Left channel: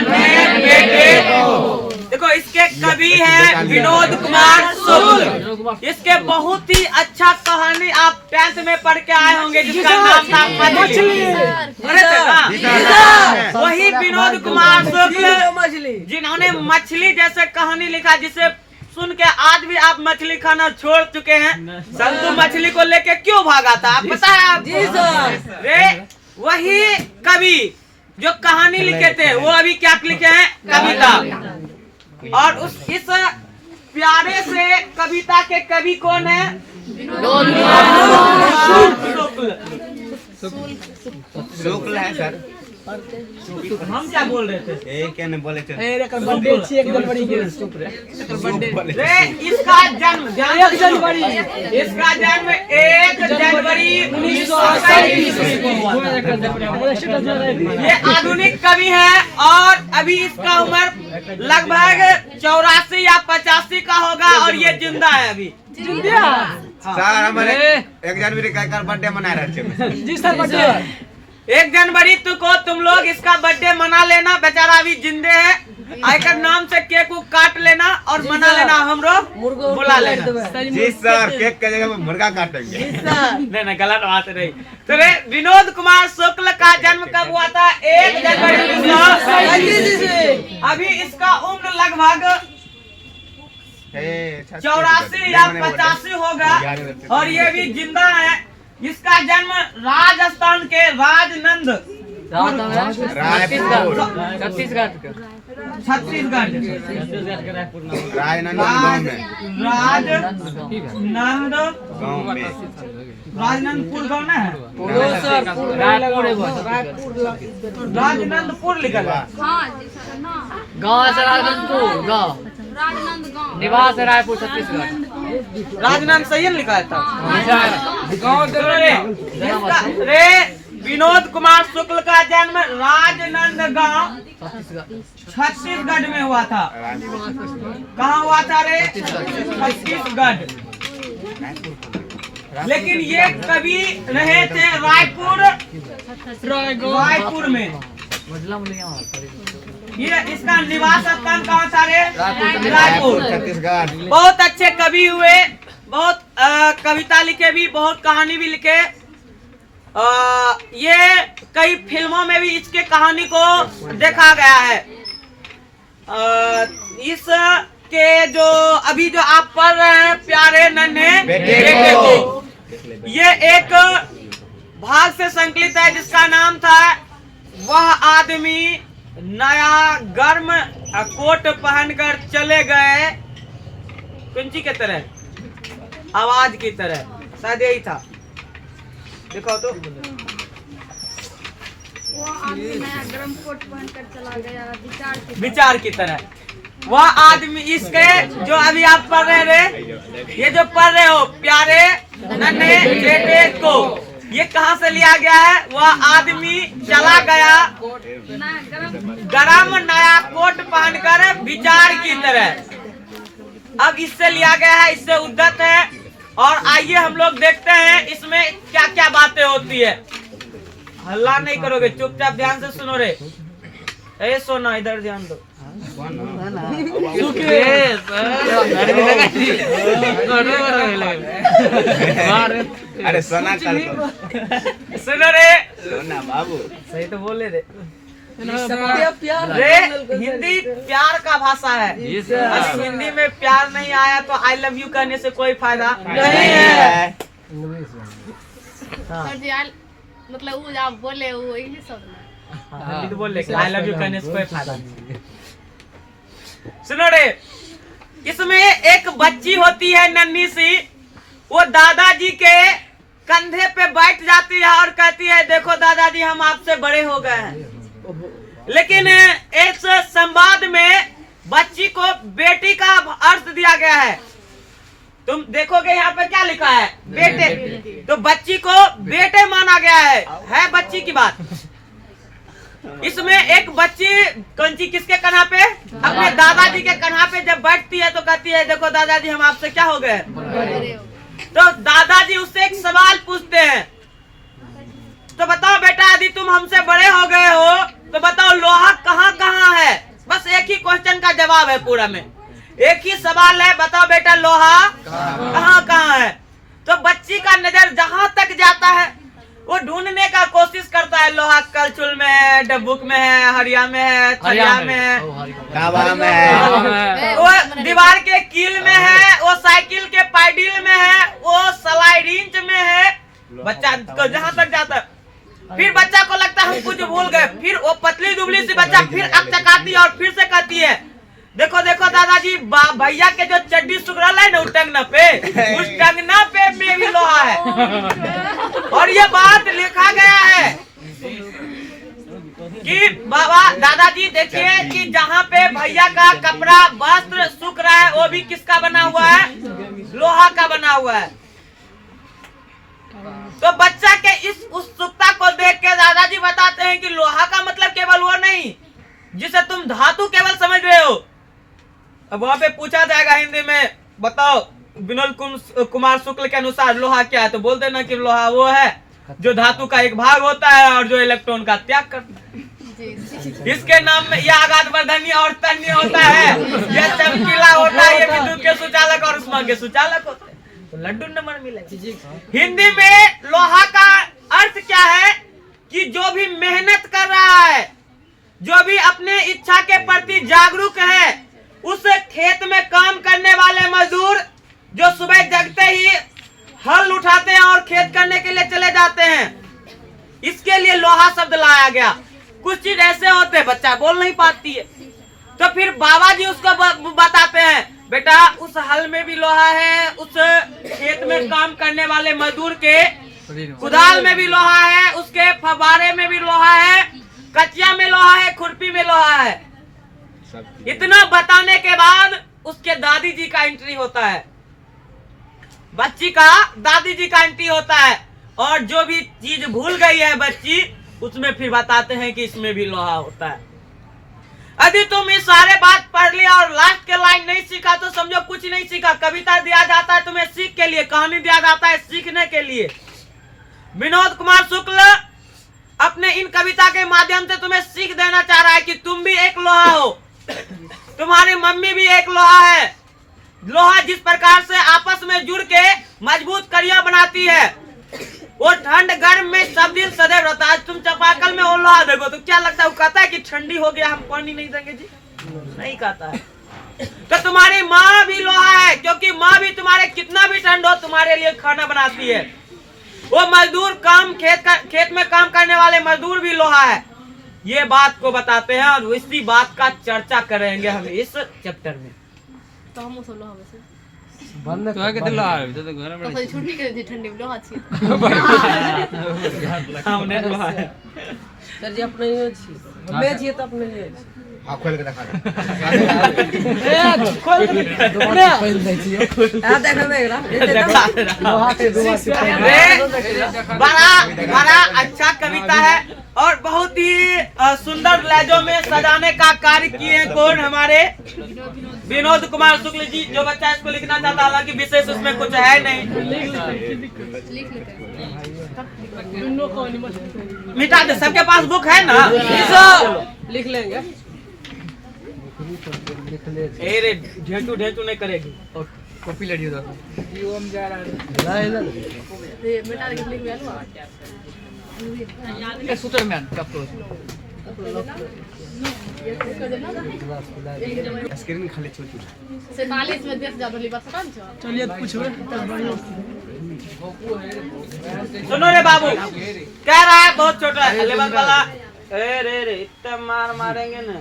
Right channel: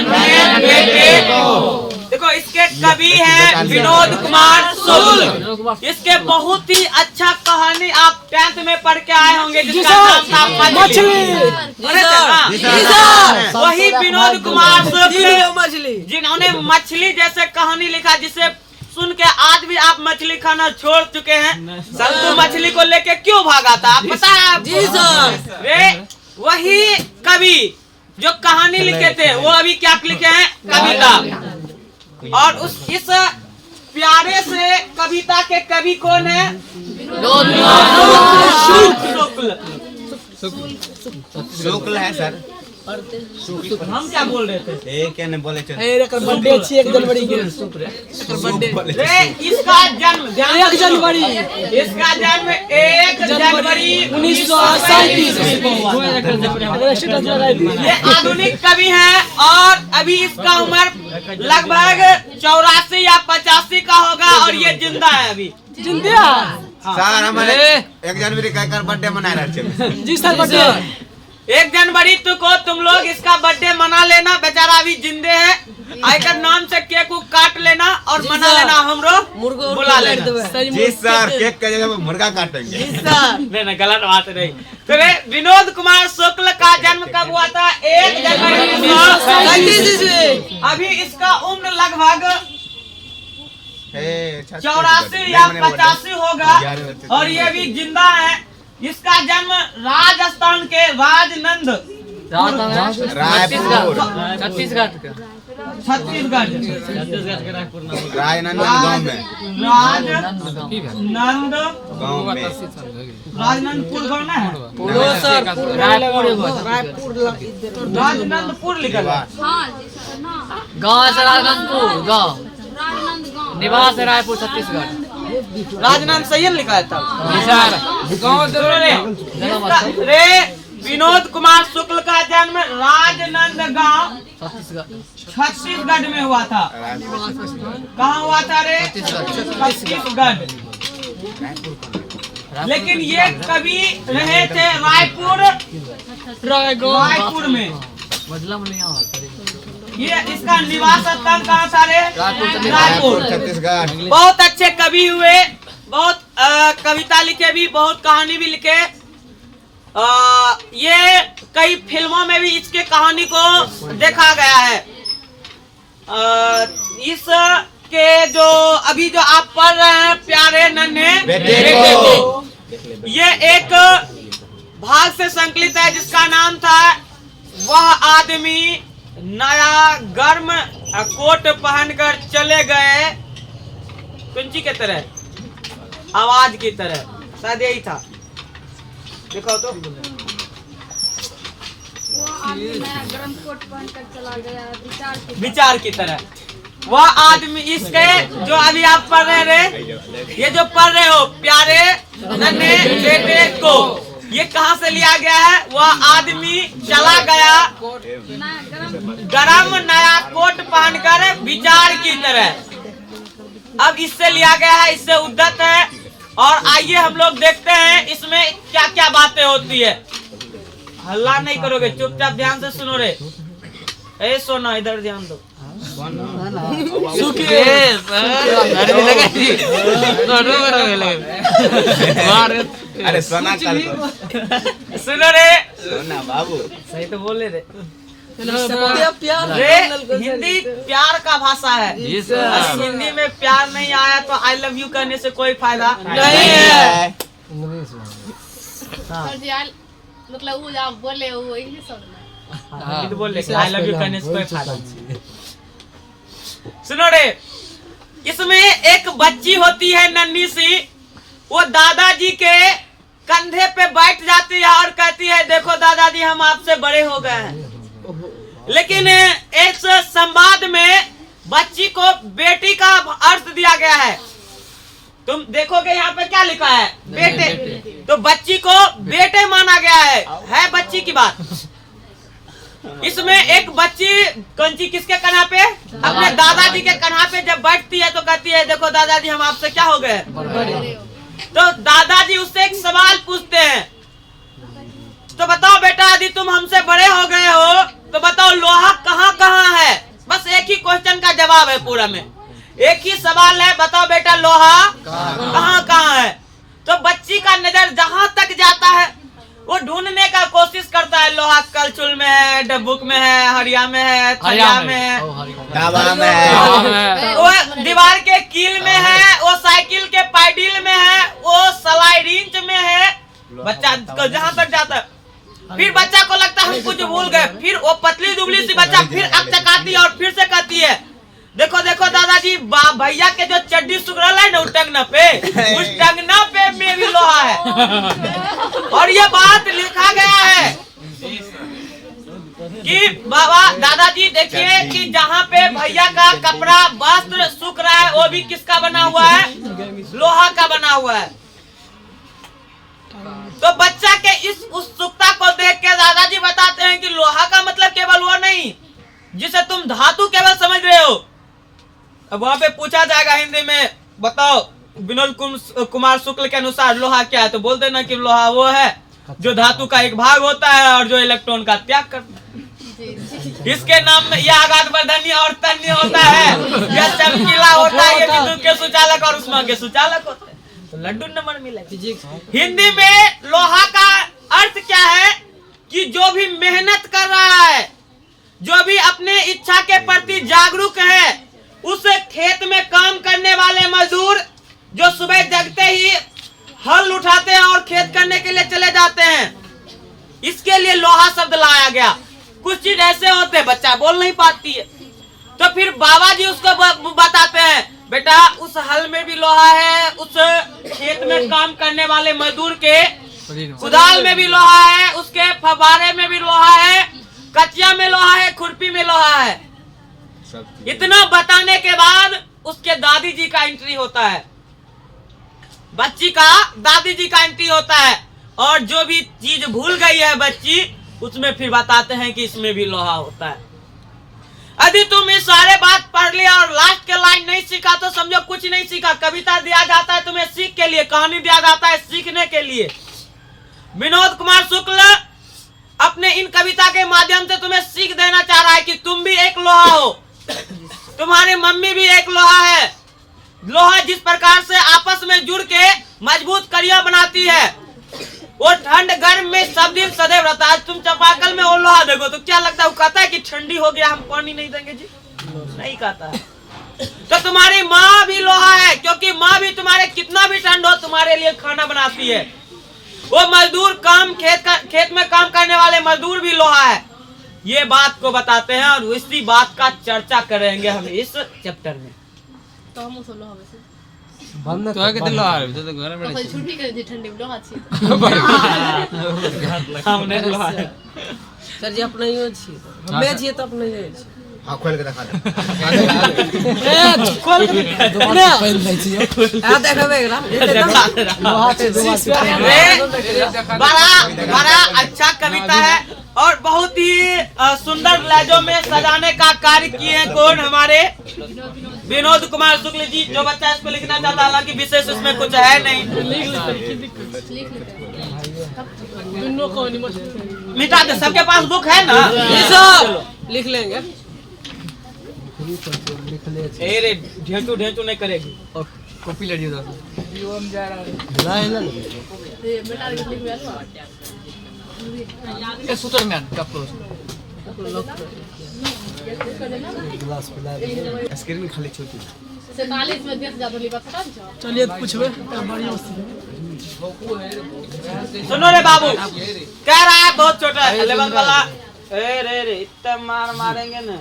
नन्हे बेटे को। देखो इसके कवि हैं विनोद कुमार शुक्ल। इसके बहुत ही अच्छा कहानी आप 10th में पढ़ के आए होंगे जिसका नाम था मछली। वही विनोद कुमार शुक्ल जिन्होंने मछली जैसे कहानी लिखा जिसे सुन के आज भी आप मछली खाना छोड़ चुके हैं। संतु मछली को लेके क्यों भागा था आप पता है आपको? रे वही कवि जो कहानी लिखे थे वो अभी क्या लिखे हैं? कविता। और इस प्यारे से कविता के कवि कौन है? शुक्ल है सर। हम क्या बोल रहे थे? क्या नहीं बोले चल। इसका जन्म 1 जनवरी 1937 में हुआ था। ये आधुनिक कवि है और अभी इसका उम्र लगभग 84 या 85 का होगा और ये जिंदा है अभी। सर हमारे 1 जनवरी का बर्थडे मना रहे थे। 1 जनवरी को तुम लोग इसका बर्थडे मना लेना। बेचारा अभी जिंदे है। आयकर नाम से केक को काट लेना और मना लेना। हम लोग बुला लेना। जी सर केक के जगह मुर्गा काटेंगे। नहीं गलत बात नहीं। तो विनोद कुमार शुक्ल का जन्म कब हुआ था? 1 जनवरी 1937। अभी इसका उम्र लगभग 84 या 85 होगा और ये भी जिंदा है। इसका जन्म राजस्थान के राजनंद छत्तीसगढ़ राजनंदपुर गाँव ना है? राजनंदपुर लिखा है गाँव से राजनंदपुर गाँव निवास है रायपुर छत्तीसगढ़। राजनंद सही लिखा है तब। रे विनोद कुमार शुक्ल का जन्म राजनंद गांव छत्तीसगढ़ में हुआ था। कहाँ हुआ था रे? छत्तीसगढ़। लेकिन ये कवि रहे थे रायपुर में। ये इसका निवास स्थान कहाँ था रे? रायपुर छत्तीसगढ़। बहुत अच्छे कवि हुए। बहुत कविता लिखे भी, बहुत कहानी भी लिखे। ये कई फिल्मों में भी इसके कहानी को देखा गया है। इसके जो अभी जो आप पढ़ रहे हैं प्यारे नन्हे बेटे को, ये एक भाग से संकलित है जिसका नाम था वह आदमी नया गर्म कोट पहनकर चले गए कुंची के तरह, आवाज की तरह, शायद यही था। देखो तो विचार की तरह वह आदमी। इसके जो अभी आप पढ़ रहे रे, ये जो पढ़ रहे हो प्यारे नन्हे बेटे को, ये कहाँ से लिया गया है? वह आदमी चला गया गरम नया कोट पहनकर विचार की तरह। अब इससे लिया गया है, इससे उद्धत है। और आइए हम लोग देखते हैं इसमें क्या क्या बातें होती है। हल्ला नहीं करोगे, चुपचाप ध्यान से सुनो रे। ए सोना इधर ध्यान दो। अरे सोना सुनो रे, सोना बाबू सही तो बोले रे। रे हिंदी प्यार का भाषा है। अभी हिंदी में प्यार नहीं आया तो आई लव यू कहने से कोई फायदा नहीं है। मतलब वो आप बोले वो इंग्लिश बोले आई लव यू कहने से कोई फायदा नहीं। सुनो रे, इसमें एक बच्ची होती है नन्ही सी, वो दादाजी के कंधे पे बैठ जाती है और कहती है देखो दादाजी हम आपसे बड़े हो गए हैं। लेकिन इस संवाद में बच्ची को बेटी का अर्थ दिया गया है। तुम देखोगे यहाँ पे क्या लिखा है? बेटे। तो बच्ची को बेटे माना गया है बच्ची की बात। इसमें एक बच्ची कंची किसके कन्हा पे? अपने दादाजी के कन्हा पे जब बैठती है तो कहती है देखो दादाजी हम आपसे क्या हो गए। तो दादाजी उससे एक सवाल पूछते हैं, तो बताओ बेटा यदि तुम हमसे बड़े हो गए हो तो बताओ लोहा कहाँ कहाँ है? जवाब है पूरा में। एक ही सवाल है, बताओ बेटा लोहा कहाँ कहाँ है। तो बच्ची का नजर जहां तक जाता है वो ढूंढने का कोशिश करता है। लोहा कलचुल में है, डब्बुक में है, हरिया में है, थरिया में है, दावा में है, वो दीवार के कील में है, वो साइकिल के पैडल में है, वो सलाई रिंच में है। बच्चा को जहां तक जाता है, फिर बच्चा को लगता है हम कुछ भूल गए। फिर वो पतली दुबली सी बच्चा फिर अकचकाती है और फिर से कहती है देखो देखो दादाजी, भैया के जो चड्डी सुगरल है ना उस टंगना पे, उस टंगना पे में भी लोहा है। और ये बात लिखा गया है कि बाबा दादाजी देखिए कि जहाँ पे भैया का कपड़ा वस्त्र सूख रहा है वो भी किसका बना हुआ है, लोहा का बना हुआ है। तो बच्चा के इस उत्सुकता को देख के दादाजी बताते हैं कि लोहा का मतलब केवल वो नहीं जिसे तुम धातु केवल समझ रहे हो। अब वहां पे पूछा जाएगा हिंदी में, बताओ विनोद कुमार शुक्ल के अनुसार लोहा क्या है, तो बोल देना कि लोहा वो है जो धातु का एक भाग होता है और जो इलेक्ट्रॉन का त्याग करता है। इसके नाम में यह आघात वर्धनीय और तन्य होता है, यह चमकीला होता है, ये विद्युत के सुचालक और उष्मा के सुचालक होते हैं। तो लड्डू नंबर मिलेगा। हिंदी में लोहा का अर्थ क्या है कि जो भी मेहनत कर रहा है, जो भी अपने इच्छा के प्रति जागरूक है, उस खेत में काम करने वाले मजदूर जो सुबह जगते ही हल उठाते हैं और खेत करने के लिए चले जाते हैं, इसके लिए लोहा शब्द लाया गया। कुछ चीज ऐसे होते हैं बच्चा बोल नहीं पाती है, तो फिर बाबा जी उसको बताते हैं बेटा उस हल में भी लोहा है, उस खेत में काम करने वाले मजदूर के कुदाल में भी लोहा है, उसके फव्वारे में भी लोहा है, कचिया में लोहा है, खुरपी में लोहा है। इतना बताने के बाद उसके दादी जी का एंट्री होता है, बच्ची का दादी जी का एंट्री होता है, और जो भी चीज भूल गई है बच्ची उसमें फिर बताते हैं कि इसमें भी लोहा होता है। यदि तुम इस सारे बात पढ़ लिया और लास्ट के लाइन नहीं सीखा तो समझो कुछ नहीं सीखा। कविता दिया जाता है तुम्हें सीख के लिए, कहानी दिया जाता है सीखने के लिए। विनोद कुमार शुक्ल अपने इन कविता के माध्यम से तुम्हें सीख देना चाह रहा है कि तुम भी एक लोहा हो, तुम्हारी मम्मी भी एक लोहा है। लोहा जिस प्रकार से आपस में जुड़ के मजबूत कड़ियां बनाती है, वो ठंड गर्म में सब दिन सदैव रहता है। तुम चापाकल में वो लोहा देखो तो क्या लगता है, वो कहता है कि ठंडी हो गया हम पानी नहीं देंगे जी, नहीं कहता है। तो तुम्हारी माँ भी लोहा है, क्योंकि माँ भी तुम्हारे कितना भी ठंड हो तुम्हारे लिए खाना बनाती है। वो मजदूर काम खेत में काम करने वाले मजदूर भी लोहा है। ये बात को बताते हैं और इसी बात का चर्चा करेंगे हम इस चैप्टर में। तो हम उसको लोहा वैसे तो आगे तो ला रहे तो घर में तो कोई छुट्टी कर दी ठंडी में लोहा अच्छी हमने लोहा है सर जी अपने ही छी हमें छी तो अपने ही छी। हाँ खोल के दिखा दे। ए खोल के ना पहन दे छी आ देखबे बड़ा अच्छा कविता है और बहुत ही सुंदर लहजों में सजाने का कार्य किए हैं कौन, हमारे विनोद कुमार शुक्ल जी। जो बच्चा इसको लिखना चाहता है, हालांकि विशेष उसमें कुछ है नहीं, मिटा दे। सबके पास बुक है ना, लिख लेंगे। रे ढेंचू ढेंचू नहीं करेगी। कॉपी लड़ी उधर ये बेटा लिख लिया से सूत्र में क्या प्रोस स्क्रीन खाली छोटी 47 में 10 ज्यादा लिखा था। चलिए पूछबे सुनो रे बाबू, कह रहा है बहुत छोटा है लेवल वाला। ए रे इतना मार मारेंगे ना,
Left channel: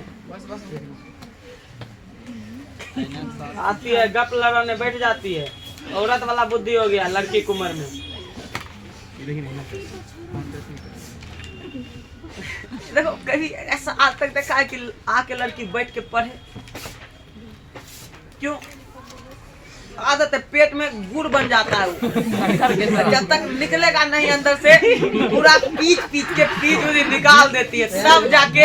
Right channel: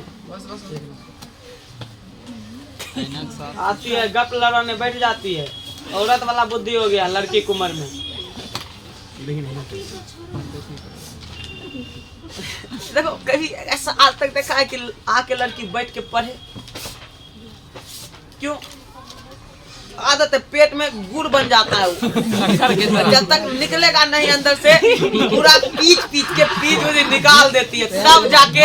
आती है गप लड़ाने बैठ जाती है। औरत वाला बुद्धि हो गया लड़की की उम्र में। देखो कभी ऐसा आज तक देखा है कि आके लड़की बैठ के पढ़े? क्यों? आदत है, पेट में गुड़ बन जाता है वो। जब तक निकलेगा नहीं अंदर से पूरा पीच के निकाल देती है, तब जाके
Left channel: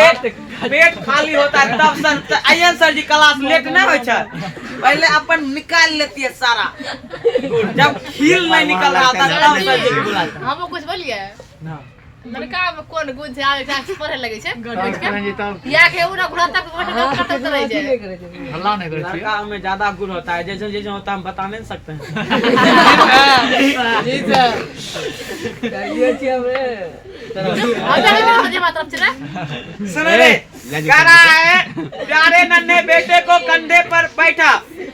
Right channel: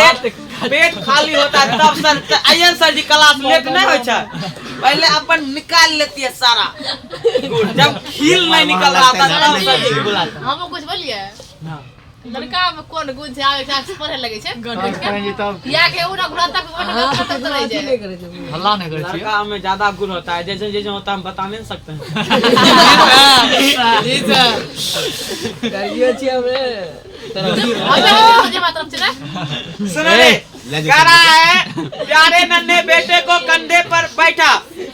पेट खाली होता है। तब सर आइए सर जी क्लास लेट नहीं हो छै, पहले अपन निकाल लेती है सारा गुड़। जब खील नहीं निकल रहा था तब सर जी को बुलाता। हम कुछ बोलिए लड़का में कोन गुण छै आगे क्लास पढ़े लगे छै करेंगे तब या के उना घुरा तक बैठे रह जाए हल्ला नहीं करे लड़का में ज्यादा गुण होता है, जैसे जैसे होता है हम बता नहीं सकते हैं। जी सर कहिए छी हमें सुनो रे, कह रहा है प्यारे नन्हे बेटे को कंधे पर बैठा,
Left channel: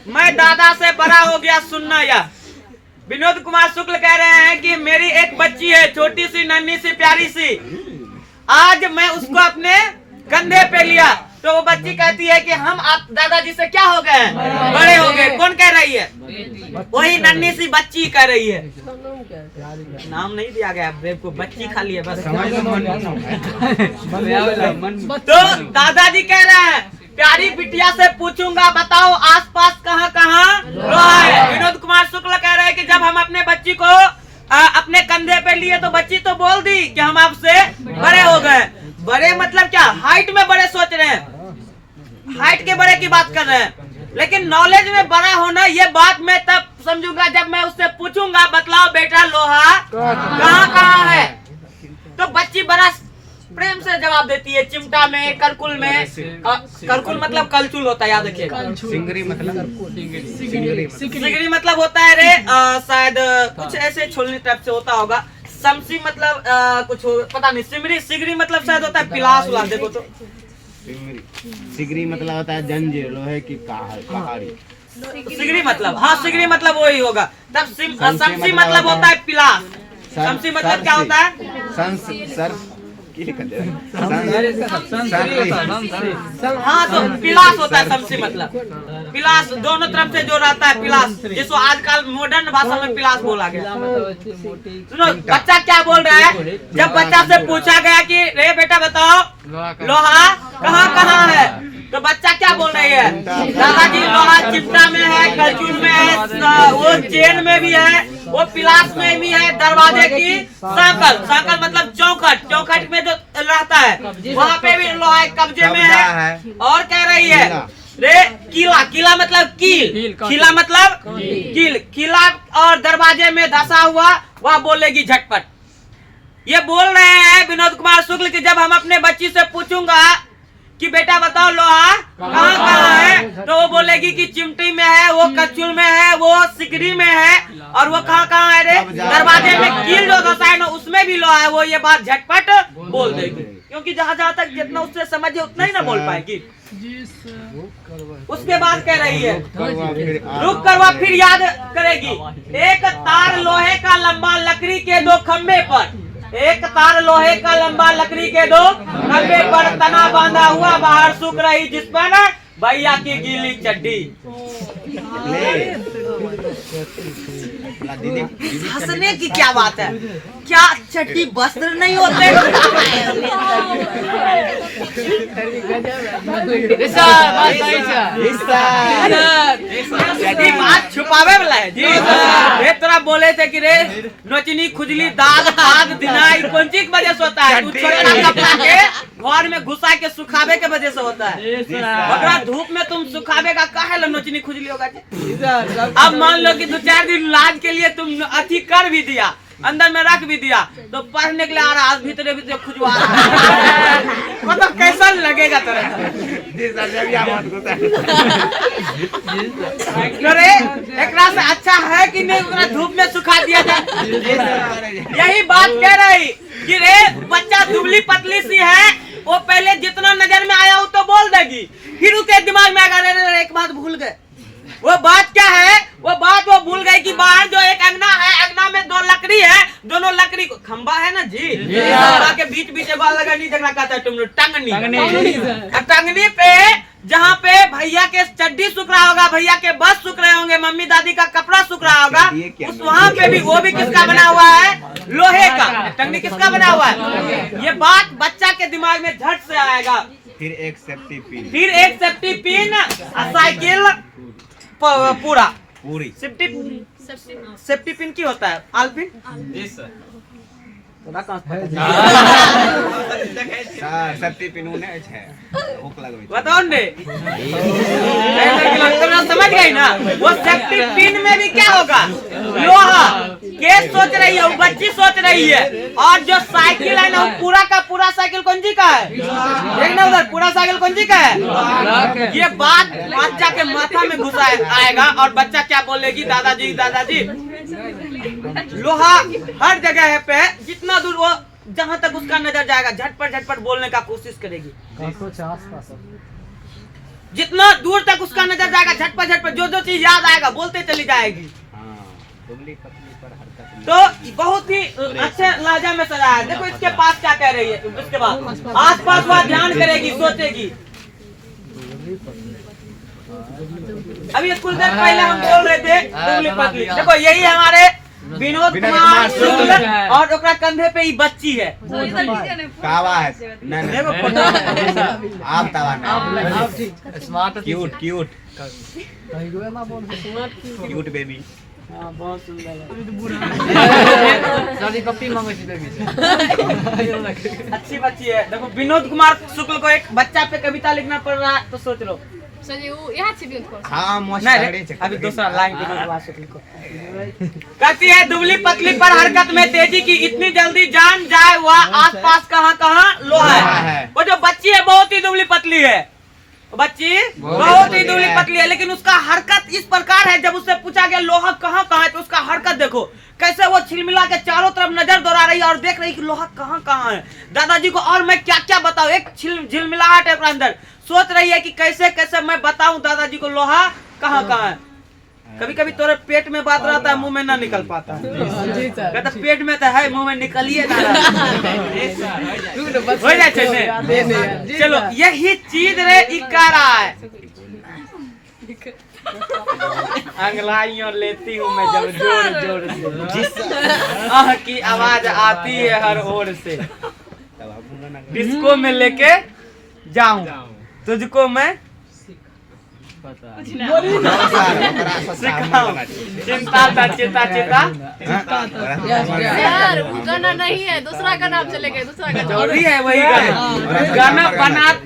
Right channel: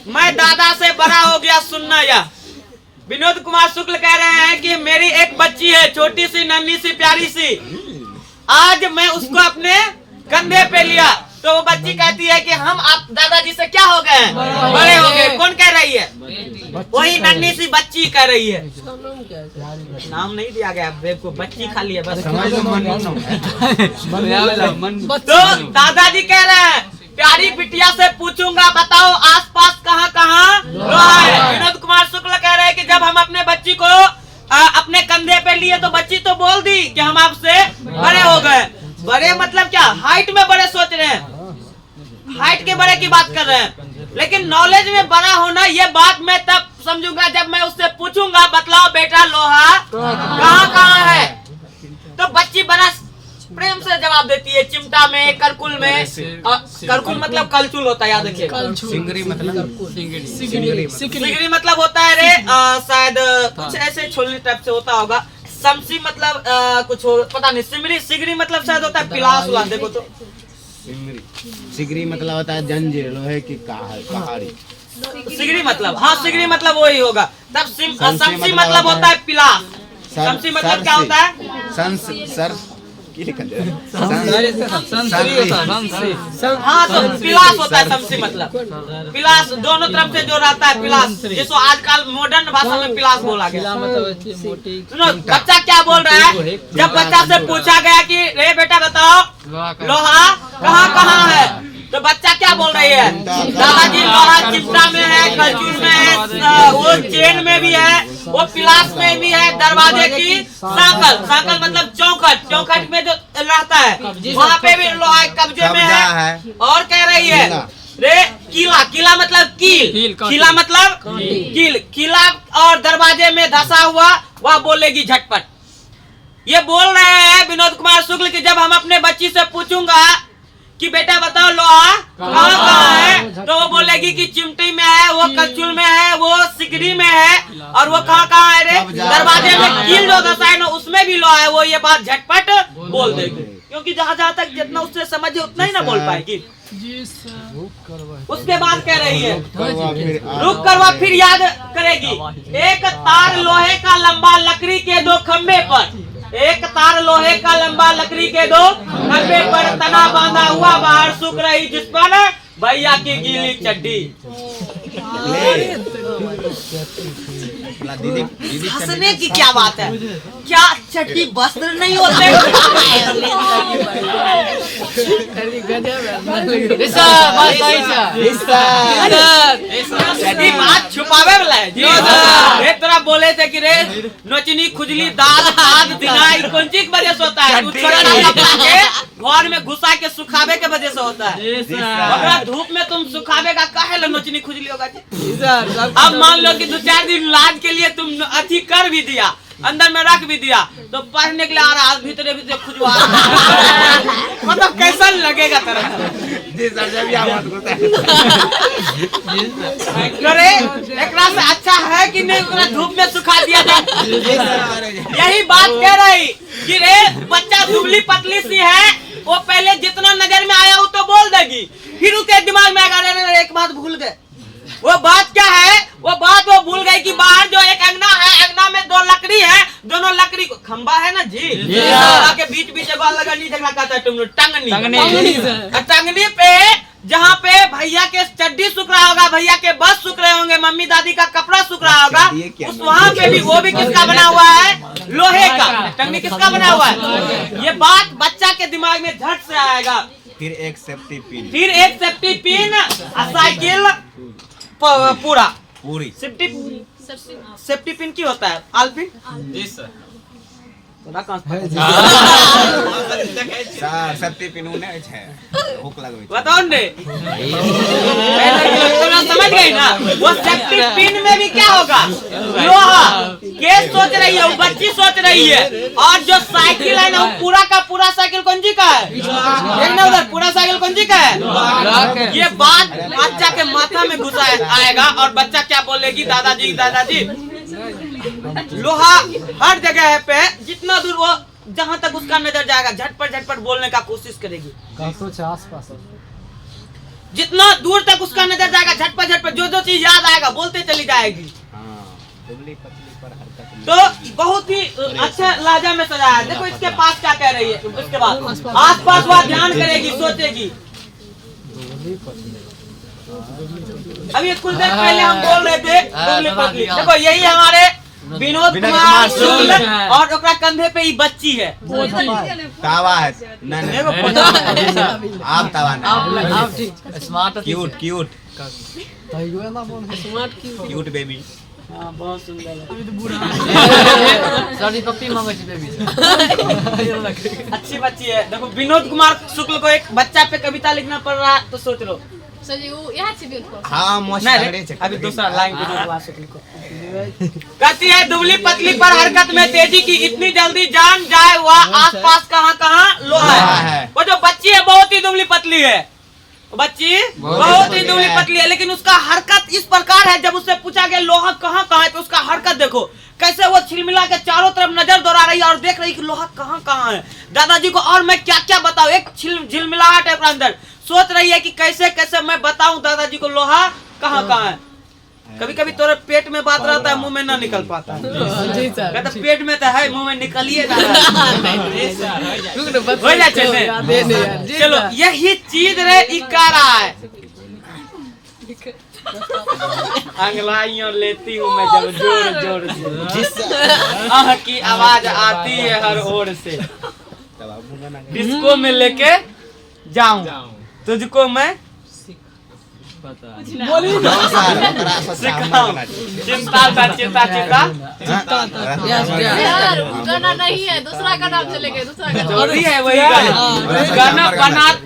मैं दादा से बड़ा हो गया सुनना यह। विनोद कुमार शुक्ल कह रहे हैं कि मेरी एक बच्ची है, छोटी सी नन्ही सी प्यारी सी, आज मैं उसको अपने कंधे पे लिया तो वो बच्ची कहती है कि हम आप दादाजी से क्या हो गए हैं, बड़े हो गए। कौन कह रही है? वही नन्ही सी बच्ची कह रही है। नाम नहीं दिया गया बेब को, बच्ची खाली है बस। तो दादाजी कह रहे हैं प्यारी बिटिया से पूछूंगा बताओ आसपास कहाँ कहाँ लोहा है। विनोद कुमार शुक्ल कह रहे हैं कि जब हम अपने बच्ची को अपने कंधे पे लिए तो बच्ची तो बोल दी कि हम आपसे बड़े हो गए। बड़े मतलब क्या? हाइट में बड़े सोच रहे हैं, हाइट के बड़े की बात कर रहे हैं, लेकिन नॉलेज में बड़ा होना ये बात मैं तब समझूंगा जब मैं उससे पूछूंगा बतलाओ बेटा लोहा कहाँ कहाँ है। तो बच्ची बड़ा प्रेम से जवाब देती है, चिमटा में, करकुल में। करकुल मतलब कलचुल होता है, याद रखिएगा। सिंगरी मतलब सिगरी मतलब होता है रे शायद कुछ ऐसे छोलनी टाइप से होता होगा। समसी मतलब कुछ पता नहीं। सिगरी मतलब शायद होता है पिलास उलास। देखो तो सिगरी मतलब होता है जंजीर, लोहे की कहाड़ी। सिगरी मतलब, हाँ सिगरी मतलब वही होगा। तब समसी मतलब होता है पिलास। समसी मतलब क्या होता है? हाँ तो पिलास होता है समसी मतलब। पिलास दोनों तरफ से जो रहता है पिलास, जिसको आजकल मॉडर्न भाषा में पिलास बोला गया। सुनो बच्चा क्या बोल रहा है। जब बच्चा से पूछा गया कि रे बेटा बताओ लोहा कहाँ कहाँ है, तो बच्चा क्या बोल रही है? दादाजी लोहा चिमटा में है, कलचुल में है, वो चेन में भी है, वो पिलास में भी है, दरवाजे की सांकल, सांकल मतलब चौखट, चौखट में जो रहता है वहाँ पे भी लोहा कब्जे में है। और कह रही है रे कीला, कीला मतलब कील, कीला मतलब कील, कीला और दरवाजे में धसा हुआ वह बोलेगी झटपट। ये बोल रहे हैं विनोद कुमार शुक्ल कि जब हम अपने बच्ची से पूछूंगा कि बेटा बताओ लोहा कहाँ कहाँ है, तो वो बोलेगी कि चिमटी में है, वो कलचुल में है, वो सिकरी में है, और वो कहाँ कहाँ है रे दरवाजे में कील जो धसा है ना उसमें भी लोहा है। वो ये बात झटपट बोल देगी, क्योंकि जहाँ जहाँ तक जितना उससे समझे उतना ही ना बोल पाएगी। उसके बाद कह रही है रुक कर वह फिर याद करेगी। एक तार लोहे का लंबा लकड़ी के दो खंबे पर, एक तार लोहे का लंबा लकड़ी के दो खंबे पर तना बांधा हुआ बाहर सूख रही, जिस पर भैया की गीली चड्डी। हंसने की क्या बात है? क्या चड्डी वस्त्र नहीं होते? बात छुपावे वाला है जी। रे तोरा बोले थे कि रे नोचनी खुजली दाद पाद दिनाई कौन चीज वजह से होता है? तू छोटा कपड़ा के घर में घुसा के सुखावे के वजह से होता है। अगर धूप में तुम सुखावे का काहे ला नोचनी खुजली होगा जी? अब मान लो कि 2-4 दिन लाज के लिए तुम अति कर भी दिया, अंदर में रख भी दिया, तो पढ़ने के लिए आ रहा है भीतर भीतर खुजवा मतलब कैसा लगेगा तेरा? करे एकरा से अच्छा है कि नहीं धूप में सुखा दिया जाए। यही बात कह रही कि रे बच्चा दुबली पतली सी है, वो पहले जितना नजर में आया वो तो बोल देगी, फिर उसके दिमाग में आएगा रे एक बात भूल गए। वो बात क्या है? वो बात वो भूल गई कि बाहर जो एक अंगना है, अंगना में 2 लकड़ी है, दोनों लकड़ी को खंबा है ना जी, के बीच बीच में लगा नहीं झगड़ा कहता है तुम लोग टंगनी। टंगनी पे जहाँ पे भैया के चड्डी सूख रहा होगा, भैया के बस सूख रहे होंगे, मम्मी दादी का कपड़ा सूख रहा होगा, उस वहाँ पे भी वो भी किसका बना हुआ है? लोहे का। टंगनी किसका बना हुआ है? ये बात बच्चा के दिमाग में झट से आएगा। फिर एक सेफ्टी पिन, साइकिल पूरा पूरी सेफ्टी पिन की होता है? आलपिन तोरा कहाँ से पता चला? सर सेफ्टी पिन उने है हुक लगवे बताओ ने तुम लोग समझ गए ना? वो सेफ्टी पिन में भी क्या होगा? लोहा। केस सोच रही है, वो बच्ची सोच रही है, और जो साइकिल है ना वो पूरा का पूरा साइकिल कौन जी का है? देख ना उधर, पूरा साइकिल कौन जी का है? ये बात बच्चा के माथा में घुस आएगा और बच्चा क्या बोलेगी? दादाजी दादाजी। लोहा हर जगह पे जितना दूर वो जहाँ तक उसका नजर जाएगा झटपट बोलने का कोशिश करेगी। कुछ आसपास जितना दूर तक उसका नजर जाएगा झटपट जो चीज याद आएगा बोलते चली जाएगी। तो बहुत ही अच्छे लहजा में सजाया है। देखो इसके पास क्या कह रही है, इसके बाद आसपास वह ध्यान करेगी, सोचेगी। अभी कुछ देर पहले हम बोल रहे थे दुबली पतली। देखो यही हमारे विनोद कुमार शुक्ल और ओकरा कंधे पे ही बच्ची है। तावा है देखो आप तावा ना smart cute cute smart cute baby. हाँ बहुत सुंदर है, सारी पप्पी मांगे थी बेबी अच्छी बच्ची है। देखो विनोद कुमार शुक्ल को एक बच्चा पे कविता लिखना पड़ रहा है तो सोच लो। सर जी वो यहाँ से भी उनको हाँ मोस्ट नहीं रे, अभी दूसरा लाइन विनोद कुमार शुक्ल को कहती है दुबली पतली पर हरकत में तेजी की, इतनी जल्दी जान जाए वह आसपास कहाँ लोहा है। वो जो बच्ची है बहुत ही दुबली पतली है, बच्ची बहुत ही दुबली पतली है, लेकिन उसका हरकत इस प्रकार है। जब उससे पूछा गया लोहा कहाँ है तो उसका हरकत देखो कैसे वो छिलमिला के चारों तरफ नजर दौड़ा रही है और देख रही कि लोहा कहाँ है। दादाजी को और मैं क्या क्या बताऊं, एक झिलमिलाहट है अंदर, सोच रही है कि कैसे कैसे मैं बताऊं दादाजी को लोहा कहाँ है। कभी कभी तोरे पेट में बात रहता है, मुंह में ना निकल पाता है। कहता पेट में तो है, मुंह में निकलिए ना हो जाए। चलो यही चीज रे इका रहा है। अंगलाइयों लेती हूँ मैं जब जोर जोर से, आह की आवाज आती है हर ओर से, डिस्को में लेके जाऊं तुझको मैं सिखाऊं, चिंता यार गाना नहीं है, दूसरा गाना आप चले गए, दूसरा गाना चोरी है वही गाना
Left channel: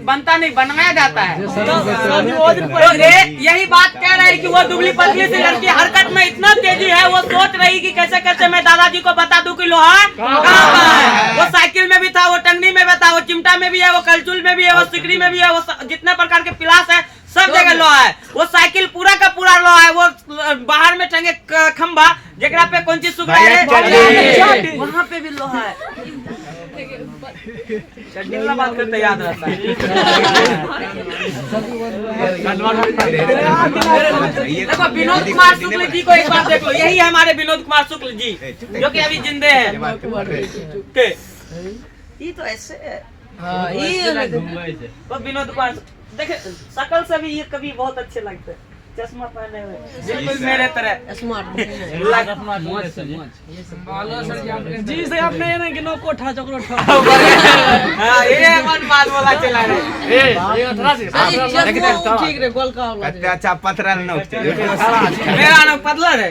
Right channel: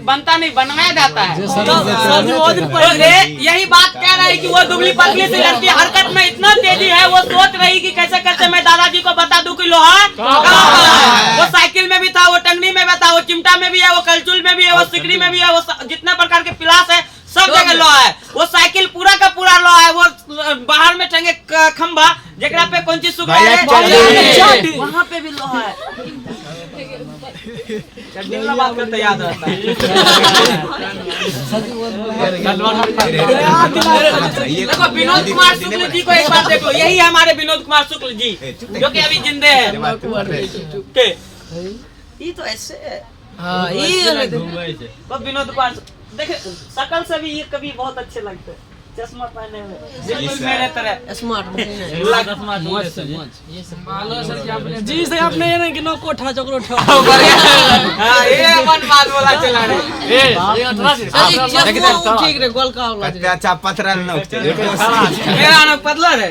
बनता नहीं, बनाया जाता है। तो यही बात कह रहा है कि वो दुबली पतली सी लड़की हरकत में इतना तेजी है, वो सोच रही कि कैसे कैसे मैं दादाजी को बता दूं कि लोहा कहाँ है। वो साइकिल में भी था, वो टंगनी में भी था, वो चिमटा में भी है, वो कलचुल में भी है, वो सिकड़ी में भी है, वो जितने प्रकार के पिलास है सब जगह लोहा है। वो साइकिल पूरा का पूरा लोहा है। वो बाहर में टंगे खंभा जगह पे कौन चीज सुख है वहाँ पे भी लोहा है। बात करते याद रहता है। देखो विनोद कुमार शुक्ल जी को एक बात देखो, यही है हमारे विनोद कुमार शुक्ल जी जो कि अभी जिंदे हैं। ये तो ऐसे है विनोद कुमार, देखे शकल से भी ये कभी बहुत अच्छे लगते हैं, चश्मा पहने हुए बिल्कुल मेरे तरह स्मार्ट जी से आपने ये नहीं कि नो कोठा चक्रो ठा। हां ये मन बात बोला चला रे ठीक रे गोल का होला कत्ते अच्छा पथरल न उठते मेरा नाम पतला रे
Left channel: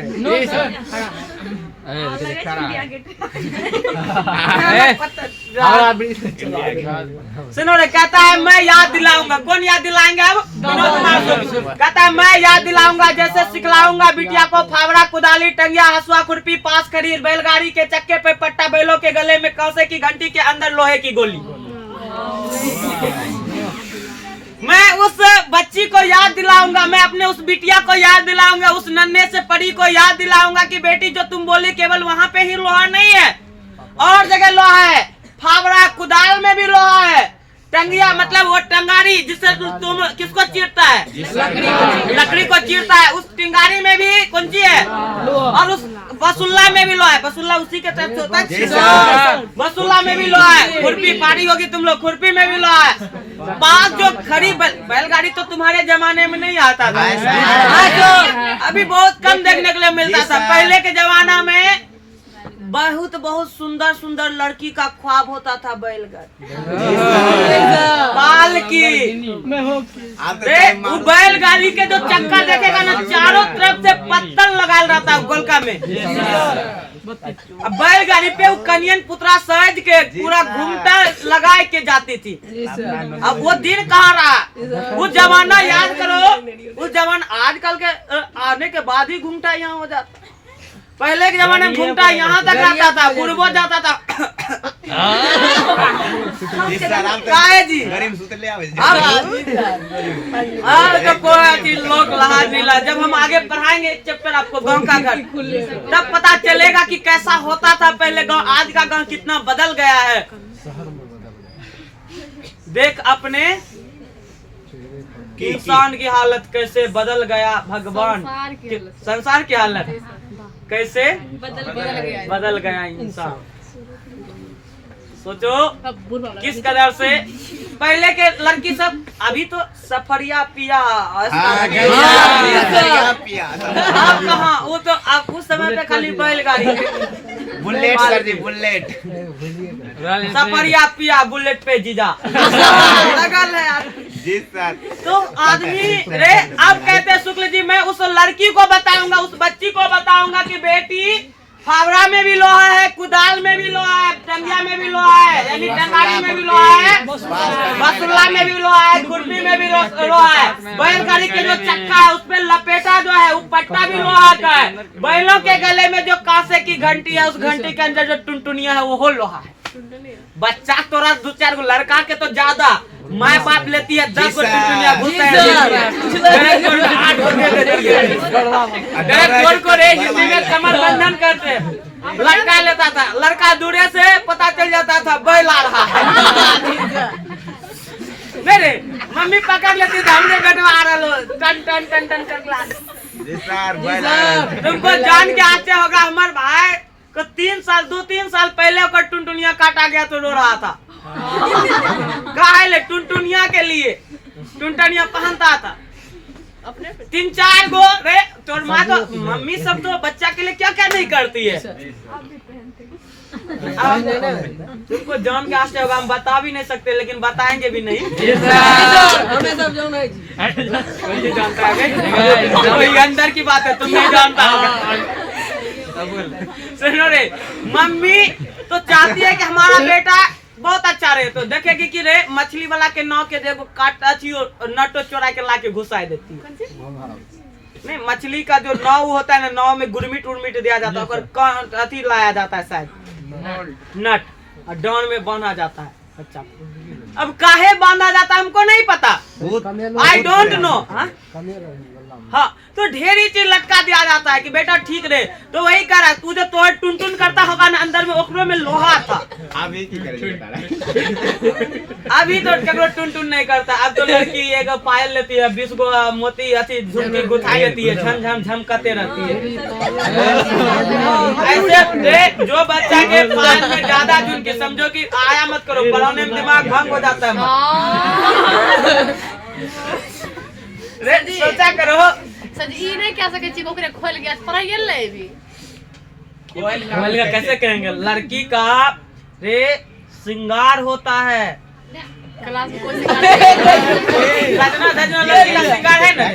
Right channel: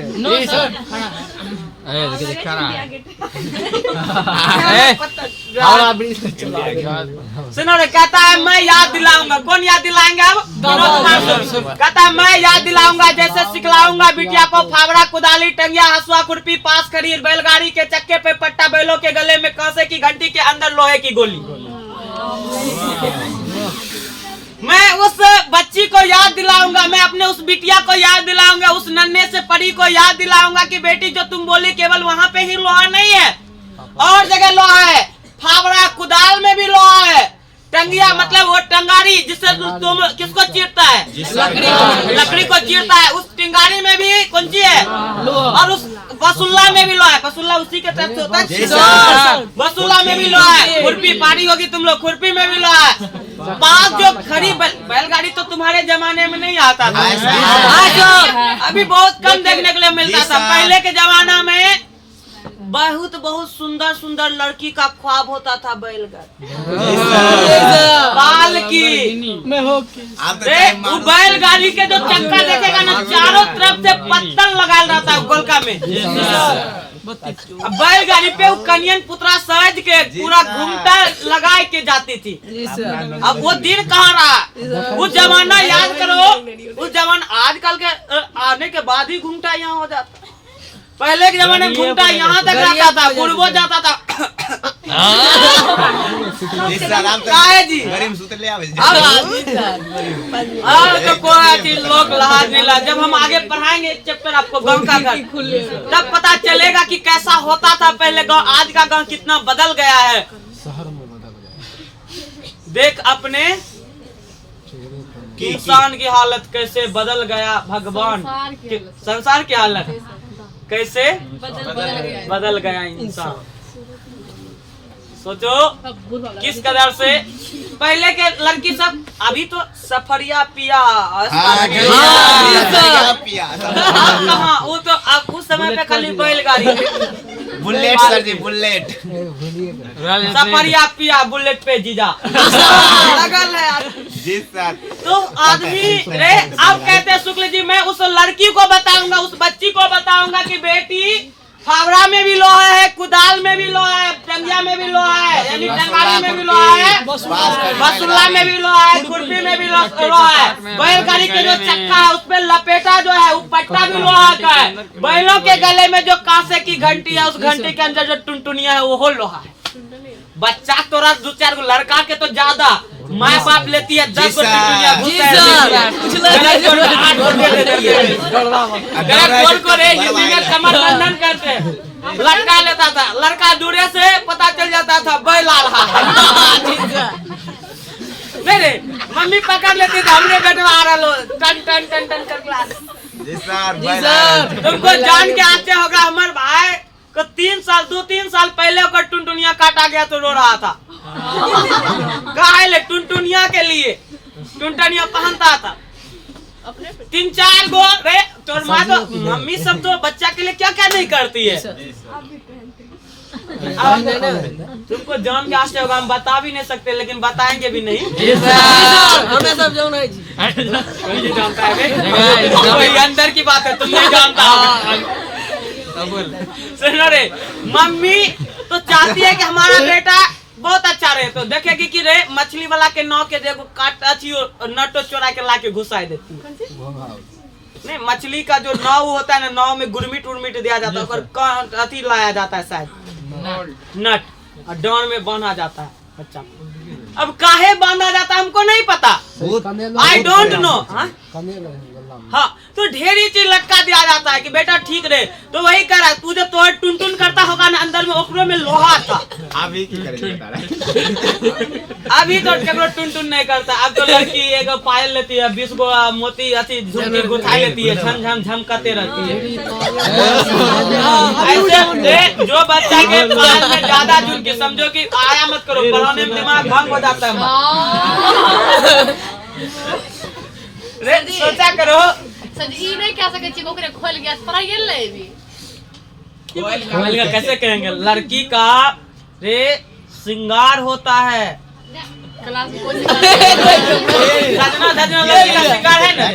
सुनो रे, कहता है मैं याद दिलाऊंगा। कौन याद दिलाएंगे अब? विनोद कुमार शुक्ल। कहता है मैं याद दिलाऊंगा, जैसे सिखलाऊंगा बिटिया को फावड़ा कुदाली टंगिया हसुआ खुरपी पास खड़ी बैलगाड़ी के चक्के पे पट्टा बैलों के गले में कांसे की घंटी के अंदर लोहे की गोली। मैं उस बच्ची को याद दिलाऊंगा, मैं अपने उस बिटिया को याद दिलाऊंगा, उस नन्हे से परी को याद दिलाऊंगा कि बेटी जो तुम बोली केवल वहाँ पे ही लोहा नहीं है, और जगह लोहा है। फावड़ा कुदाल में भी लोहा है। टंगिया मतलब वो टंगारी जिससे तुम किसको चीरता है, लकड़ी को चीरता है, उस टिंगारी में भी कौन सी है, और उस बसुल्ला में भी लोहा है। बसुल्ला उसी के टाइप से होता है, बसुल्ला में भी लोहा है। खुरपी पारी होगी तुम लोग, खुरपी में भी लोहा है। पास जो खड़ी बैलगाड़ी तो तुम्हारे जमाने में नहीं आता था, अभी बहुत कम देखने के लिए मिलता था। पहले के जमाना में बहुत बहुत सुंदर सुंदर लड़की का ख्वाब होता था बैलगाड़ी बाल की। वो बैलगाड़ी के जो चक्का देखेगा ना, चारों तरफ से पत्थर लगा रहता है गोलका में, अब बैलगाड़ी पे वो कनियन पुत्रा सज के पूरा घूमता लगा के जाती थी। अब वो दिन कहाँ रहा? वो जमाना याद करो, उस जमाना आजकल के आने के बाद ही घूमता यहाँ हो जाता। पहले के जमाने में घूमता यहाँ तक रहता था, पूर्वो जाता था। क्या है जी? तो कोई चीज लोग लाज नहीं ला। जब हम आगे पढ़ाएंगे इस चैप्टर आपको गांव का घर, तब पता चलेगा कि कैसा होता था पहले गांव, आज का गांव कितना बदल गया है। देख अपने इंसान की हालत कैसे बदल गया, भगवान संसार की हालत कैसे बदल गया इंसान। सोचो किस कदर से पहले के लड़की सब, अभी तो सफरिया पिया अब कहाँ, वो तो अब उस समय पे खाली बैलगाड़ी बुलेट सर जी, बुलेट सफरिया पिया बुलेट पे जीजा लगल है यार जी सर। तो आदमी रे अब कहते हैं शुक्ल जी मैं उस लड़की को बताऊंगा, उस बच्ची को बताऊंगा कि बेटी फावड़ा में भी लोहा है, कुदाल में भी लोहा है, टंगिया में भी लोहा है, यानी टंगारी में भी लोहा है, बसुल्ला में भी लोहा है, खुरपी में भी लोहा है। बैलगाड़ी के जो चक्का है उसपे लपेटा जो है वो पट्टा भी लोहा का है। बैलों के गले में जो कांसे की घंटी है, उस घंटी के अंदर जो टुनटुनिया है वो लोहा है। बच्चा तोरा 2-4 को, लड़का के तो ज्यादा माँ बाप लेती है 10 को टुनटुनिया घुसा है, 8 को दे देती है। गरज को रे हिंदी में कमर बंधन करते लटका लेता था, लड़का दूरे से पता चल जाता था बैल आ रहा है। मेरे मम्मी पकड़ लेती थी, हमने बेटवा आ रहा टन टन टन टन कर। तुमको जान के आश्चर्य होगा, हमारे भाई को 2-3 साल पहले ओकर टुनटुनिया काटा गया तो रो रहा था। काहे टुनटुनिया के लिए टुनटुनिया पहनता था 3-4 गो रे। तो माँ तो मम्मी सब तो बच्चा के लिए क्या क्या नहीं करती है। तुमको जान के आश्चर्य होगा, हम बता भी नहीं सकते लेकिन बताएंगे भी नहीं। कोई जानता है कोई अंदर की बात है, तुम नहीं जानता होगा। सुनो रे, मम्मी तो चाहती है कि हमारा बेटा बहुत अच्छा रहे, तो देखेगी कि रे मछली वाला के नाव के देखो काट अच्छी नटो चोरा के ला के घुसा देती है। नहीं, मछली का जो नाव होता है ना, नाव में गुरमिट उर्मिट दिया जाता है, और अथी लाया जाता है शायद नट, और डांड में बांधा जाता है बच्चा को। अब काहे बांधा जाता है हमको नहीं पता, आई डोंट नो। हाँ, तो ढेरी चीज लटका दिया जाता है कि बेटा ठीक रहे। तो वही कह रहा है, तू जो तो टुन करता होगा ना, अंदर में ओकरो में लोहा था। अभी की करेंगे अभी तो केकरो टुन नहीं करता। अब तो लड़की एक पायल लेती है, 20 गो मोती अथी झुमकी गुथाई लेती है, झम झम झम करते रहती है। ऐसे जो बच्चा के पायल में ज्यादा झुमकी, समझो कि आया मत करो, पढ़ाने में दिमाग भंग हो जाता है। रे सोचा करो सर ई नहीं कह सके छी ओकरे खोल गया पर ये ले भी खोल का कैसे कहेंगे। लड़की का रे श्रृंगार होता है, क्लास को रजना धजना लड़की का श्रृंगार है ना।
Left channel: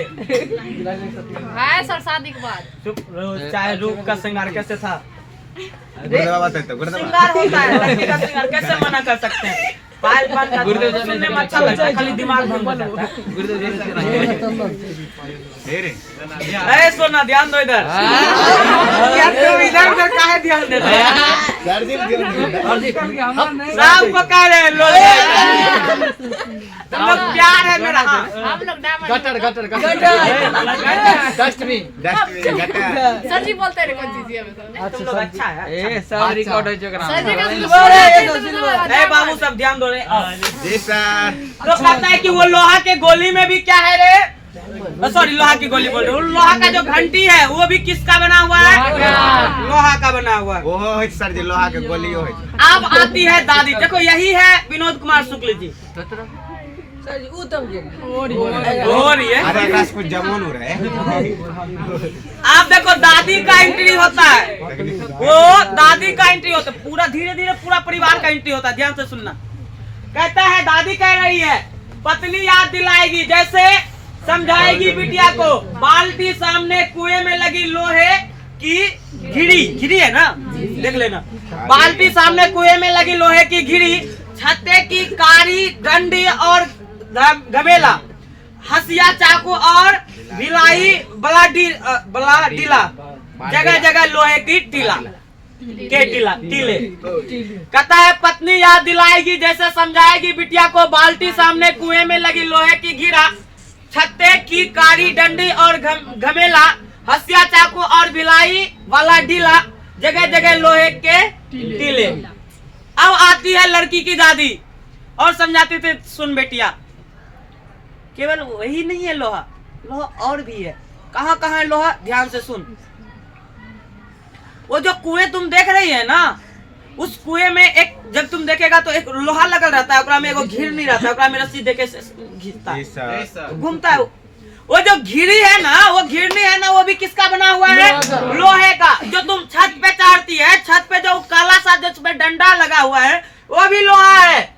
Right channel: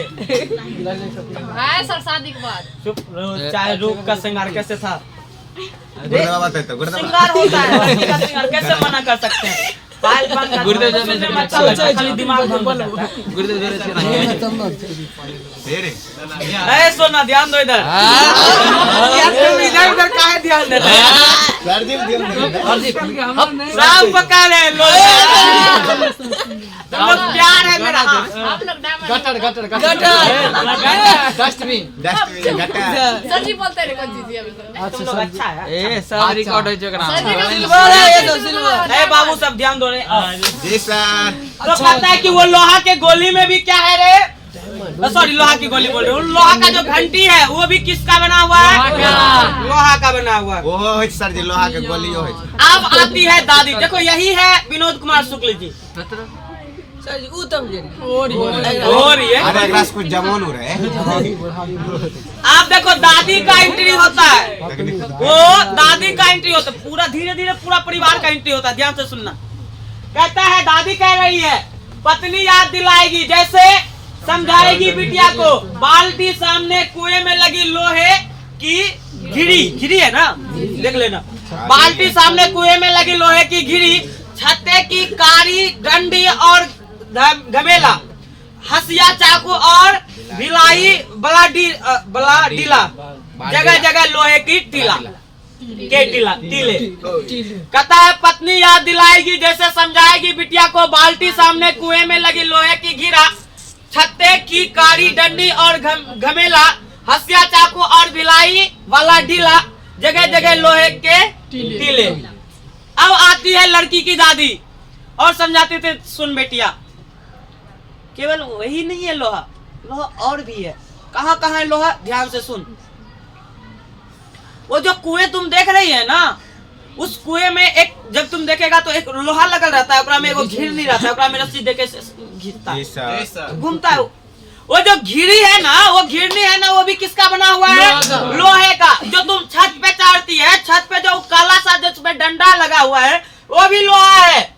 है सर शादी के बाद चुप रहो, चाहे रूप का श्रृंगार कैसे था, श्रृंगार होता है लड़की का श्रृंगार, कैसे मना कर सकते हैं। पायल बंद कर सुनने में अच्छा लगता है, खाली दिमाग भंग हो जाता है। ए सोना ध्यान दो इधर, यार तुम इधर उधर काहे ध्यान देता है यार। सब पकड़े लोग, तुम लोग प्यार है मेरा। हाँ हम लोग diamond gutter gutter gutter dustbin sir ji बोलते रहे कौन चीज है तुम लोग अच्छा है। सब रिकॉर्ड हो चुका सर जी ए बाबू सब ध्यान दो रे। जी सर। तो कहता है कि वो लोहा के गोली में भी क्या है रे, सॉरी लोहा की गोली बोल रहे हो, लोहा का जो घंटी है वो भी किसका बना हुआ है, लोहा का बना हुआ है। ओहो है सर जी, लोहा के गोली हो। अब आती है दादी, देखो यही है विनोद कुमार शुक्ल जी। और ये अरे रस कुछ जमोन हो रहा है। आप देखो दादी का एंट्री होता है, वो दादी का एंट्री होता है, पूरा धीरे धीरे पूरा परिवार का एंट्री होता है। ध्यान से सुनना, कहता है दादी कह रही है पत्नी याद दिलाएगी, जैसे समझाएगी बिटिया को, बाल्टी सामने कुएं में लगी लोहे की घिरी है ना, देख लेना। बाल्टी सामने कुएं में लगी लोहे की घिरी, छत्ते की कारी डंडी और घमेला, हसिया चाकू और भिलाई बला डीला, जगह जगह लोहे की टीले। कहता है पत्नी याद दिलाएगी जैसे समझाएगी बिटिया को, बाल्टी सामने कुएं में लगी लोहे की घिरा, छत्ते की कारी डंडी और घमेला, हसिया चाकू और भिलाई वाला ढीला, जगह जगह लोहे के टीले। अब आती है लड़की की दादी और समझाते थे, सुन बेटिया, केवल वही नहीं है लोहा, लोहा और भी है। कहाँ कहाँ है लोहा, ध्यान से सुन। वो जो कुएं तुम देख रही है ना, उस कुएं में एक, जब तुम देखेगा तो एक लोहा लगल रहता है, ऊपर में एगो घिर नहीं रहता है, ऊपर में रस्सी देके घिरता है, घूमता है। वो जो घिरी है ना, वो घिरनी है ना, वो भी किसका बना हुआ है, लोहे का। जो तुम छत पे चढ़ती है, छत पे जो काला सा जो उसमें डंडा लगा हुआ है, वो भी लोहा है।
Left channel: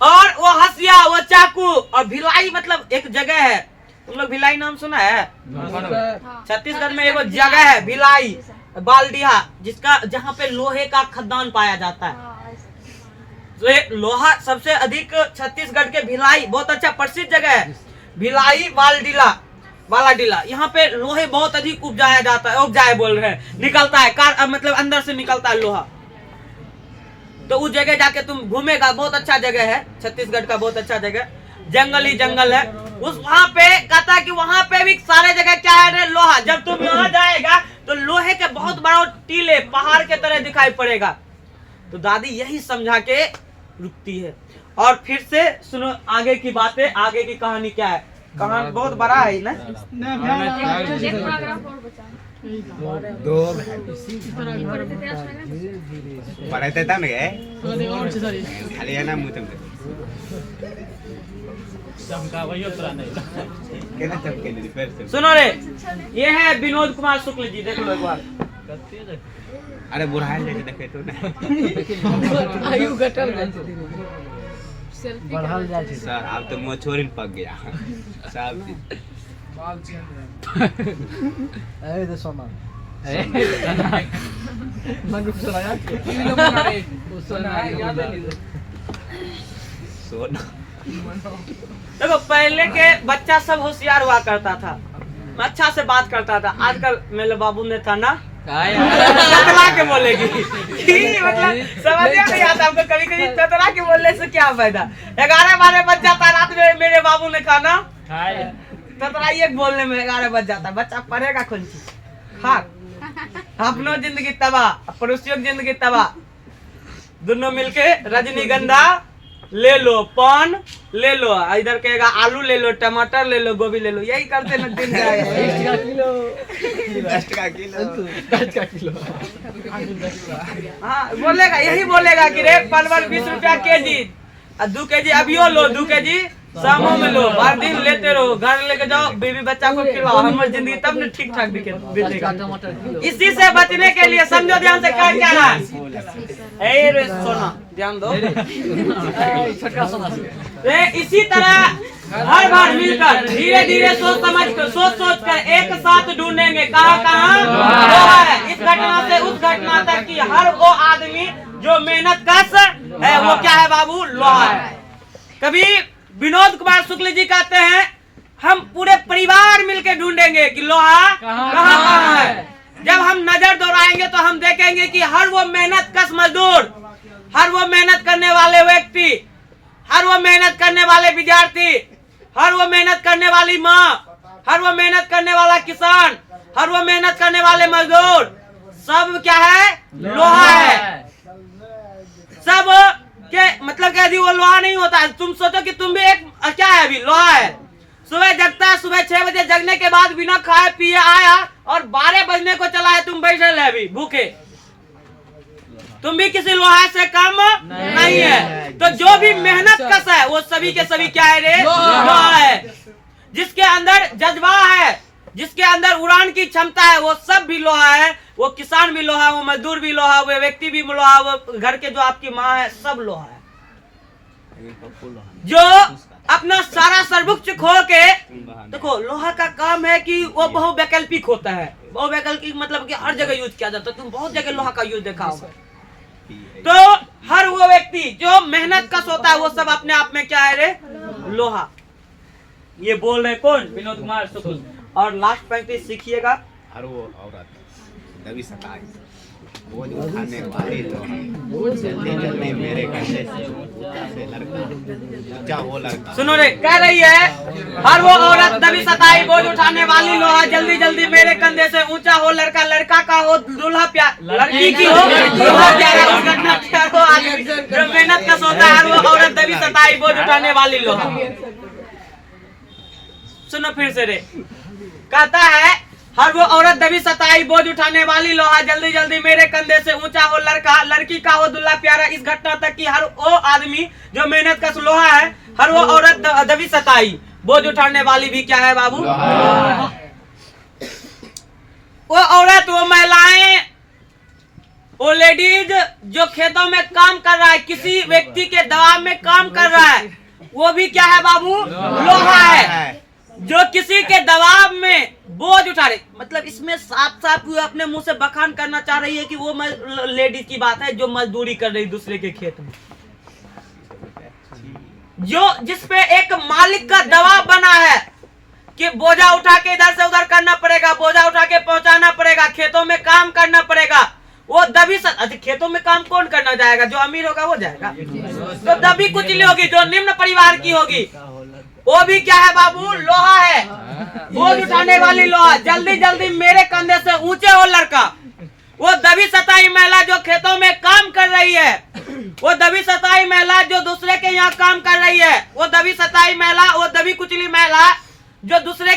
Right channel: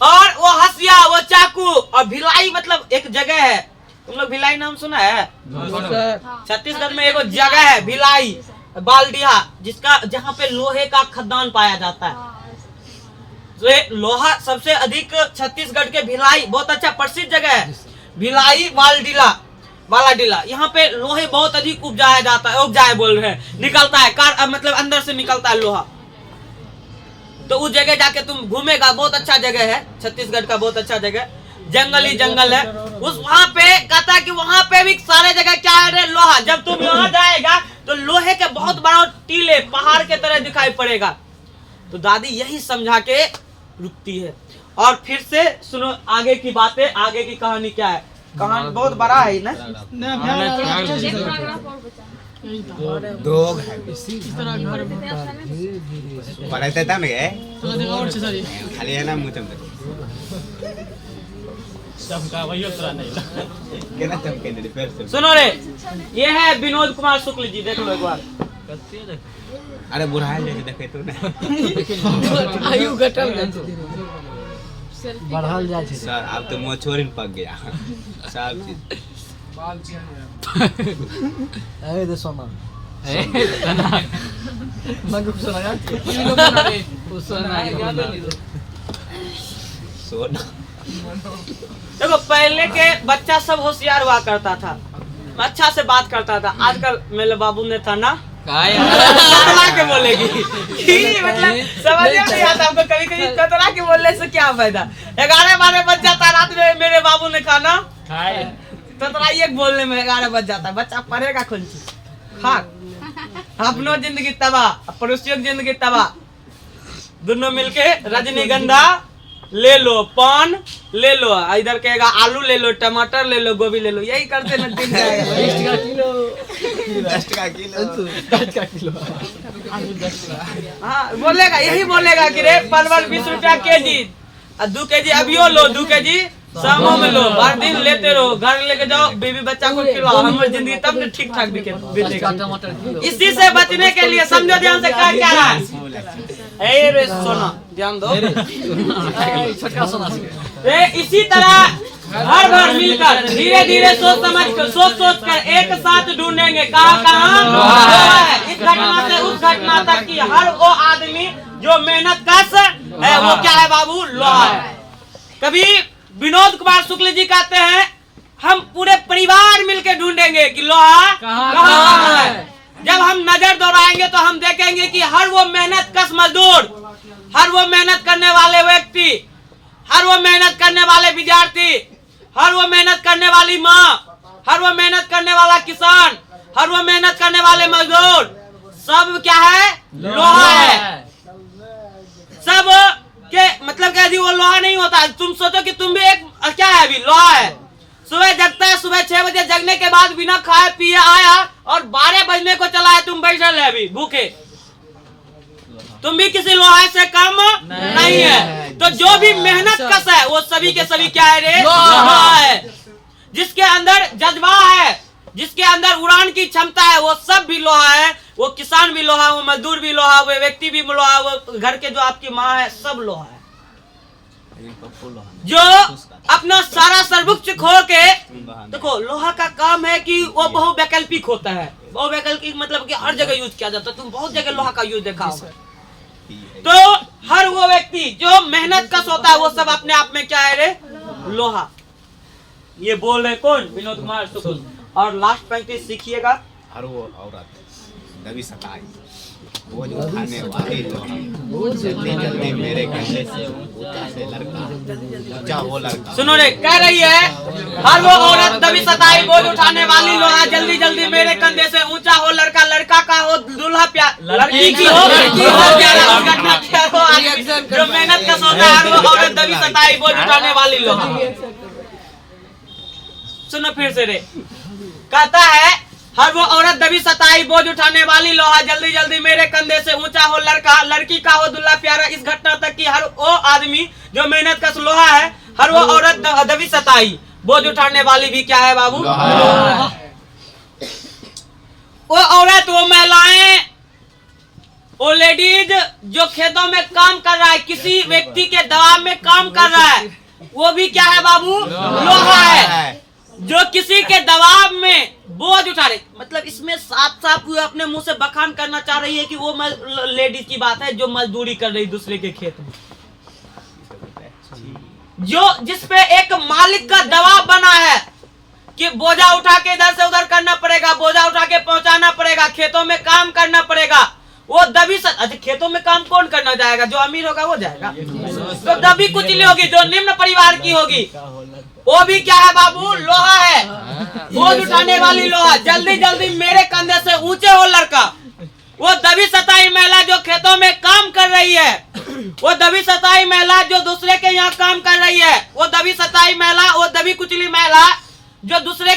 और वो हसिया, वो चाकू और भिलाई, मतलब एक जगह है, तुम लोग भिलाई नाम सुना है? छत्तीसगढ़ में एगो जगह है भिलाई बालडिया, जिसका जहाँ पे लोहे का खदान पाया जाता है। तो ये लोहा सबसे अधिक छत्तीसगढ़ के भिलाई, बहुत अच्छा प्रसिद्ध जगह है भिलाई वालाडीला। यहाँ पे लोहे बहुत अधिक उपजाया जाता है, उपजाए बोल रहे हैं, निकलता है मतलब अंदर से निकलता है लोहा। तो उस जगह जाके तुम घूमेगा, बहुत अच्छा जगह है, छत्तीसगढ़ का बहुत अच्छा जगह, जंगल ही जंगल है। उस वहाँ पे कहता है कि वहाँ पे भी सारे जगह क्या है, लोहा। जब तुम यहाँ जाएगा तो लोहे के बहुत बड़ा टीले पहाड़ के तरह दिखाई पड़ेगा। तो दादी यही समझा के रुकती है। और फिर से सुनो आगे की बातें, आगे की कहानी क्या है। कहानी बहुत बड़ा है ना, दो पढ़ाते था ना खाली है ना मुझे सुनो रे, ये है विनोद कुमार शुक्ल जी, देख लो एक बार। अरे बुरा है देखे तो ना बढ़ल जाए छै सर, अब तो मुँह छोड़ पक गया सर। अरे तो सोना सोना देखो पहले के बच्चा सब होशियार हुआ करता था, अच्छा से बात करता था। आजकल मेरे बाबू ने था ना, ततला के बोलेगी मतलब समझ नहीं आता हमको। कभी कभी ततला के बोलने से क्या फायदा। 11-12 बज जाता रात में, मेरे बाबू ने खाना ततला ये बोलने में 11 बज जाता। बच्चा पढ़ेगा कौन चीज, खा अपनो जिंदगी तबाह, पड़ोसियों की जिंदगी तबाह। दोनों मिलके रजनीगंधा ले लो, पान ले लो, इधर कहेगा आलू ले लो, टमाटर ले लो, गोभी ले लो, यही करते में दिन जाएगा। 10 का किलो हाँ बोलेगा, यही बोलेगा कि रे परवल 20 रुपया केजी, 2 केजी अभियो लो, 2 केजी शामों में लो, हर दिन लेते रहो, घर लेके जाओ, बीवी बच्चा को खिलाओ, हमारी जिंदगी तब न ठीक ठाक बीतेगा। इसी से बचने के लिए समझो, ध्यान से क्या रहा है रे सोना, ध्यान दो रे। इसी तरह हर घर मिलकर धीरे धीरे सोच कर एक साथ ढूंढेंगे कहाँ लोहा है। इस घटना से उस घटना तक की हर वो आदमी जो मेहनत कश है, वो क्या है बाबू, लोहा है। कभी विनोद कुमार शुक्ल जी कहते हैं, हम पूरे परिवार मिलकर ढूंढेंगे कि लोहा कहाँ है। जब हम नजर दौड़ाएंगे तो हम देखेंगे कि हर वो मेहनत कश मजदूर, हर वो मेहनत करने वाले व्यक्ति, हर वो मेहनत करने वाले विद्यार्थी, हर वो मेहनत करने वाली माँ, हर वो मेहनत करने वाला किसान, हर वो मेहनत करने वाले मजदूर, सब क्या है, लोहा है। सब के मतलब क्या जी, वो लोहा नहीं होता है। तुम सोचो कि तुम भी एक क्या है, अभी लोहा है। सुबह जगता है, सुबह 6 बजे जगने के बाद बिना खाए पिए आया और 12 बजने को चला है, तुम बैठे है अभी भूखे, तुम भी किसी लोहा से कम नहीं है। तो जो भी मेहनत कश है वो सभी के सभी क्या है रे, लोहा है। जिसके अंदर जज्बा है, जिसके अंदर उड़ान की क्षमता है, वो सब भी लोहा है। वो किसान भी लोहा, वो मजदूर भी लोहा, वो व्यक्ति भी लोहा, वो घर के जो आपकी माँ है, सब लोहा है। जो अपना सारा सर्वोच्च खो के, देखो लोहा का काम है कि वो बहुवैकल्पिक होता है। वो वैकल्पिक मतलब कि हर जगह यूज किया जाता है, तुम बहुत जगह लोहा का यूज देखा होगा। तो हर वो व्यक्ति जो मेहनत कश होता है वो सब अपने आप में क्या है रे, लोहा। ये बोल रहे कौन, विनोद कुमार शुक्ल। और लास्ट पंक्ति सीखिएगा, हर वो औरत दबी सताई बोझ उठाने वाली लोहा जल्दी जल्दी मेरे कंधे से ऊंचा से लड़का ऊंचा वो लड़का। सुनो रे, कह रही है हर वो औरत दबी सताई बोझ उठाने वाली लोहा जल्दी जल्दी मेरे कंधे से ऊंचा हो लड़का, लड़का का हो दूल्हा प्यार, लड़की की हो दूल्हा प्यारा, घटना क्या हो आगे जो मेहनत का सोता है, हर वो औरत दबी सताई बोझ उठाने वाली लोहा। सुनो फिर से रे, कहता है हर वो औरत दबी सताई बोझ उठाने वाली लोहा जल्दी जल्दी मेरे कंधे से ऊंचा हो लड़का, लड़की का हो दूल्हा प्यारा। इस घटना तक कि हर वो आदमी जो मेहनत का लोहा है, हर वो औरत दबी सताई बोझ उठाने वाली भी क्या है बाबू, वो औरत, वो महिलाएं, वो लेडीज जो खेतों में काम कर रहा है, किसी व्यक्ति के दबाव में काम कर रहा है, वो भी क्या है बाबू, लोहा है। जो किसी के दबाव में बोझ उठा रहे, मतलब इसमें साफ साफ अपने मुंह से बखान करना चाह रही है कि वो लेडीज की बात है जो मजदूरी कर रही दूसरे के खेत में, जो जिसपे एक मालिक का दबाव बना है कि बोझा उठा के इधर से उधर करना पड़ेगा, बोझा उठा के पहुंचाना पड़ेगा, खेतों में काम करना पड़ेगा। वो दबी अच्छा, खेतों में काम कौन करना जाएगा, जो अमीर होगा वो जाएगा, तो दबी कुचली होगी जो निम्न परिवार की होगी, वो भी क्या है बाबू, लोहा है। बोझ उठाने वाली लोहा जल्दी जल्दी मेरे कंधे से ऊंचे हो लड़का, वो दबी सताई महिला जो खेतों में काम कर रही है, वो दबी सताई महिला जो दूसरे के यहाँ काम कर रही है, वो दबी सताई महिला, वो दबी कुचली महिला जो दूसरे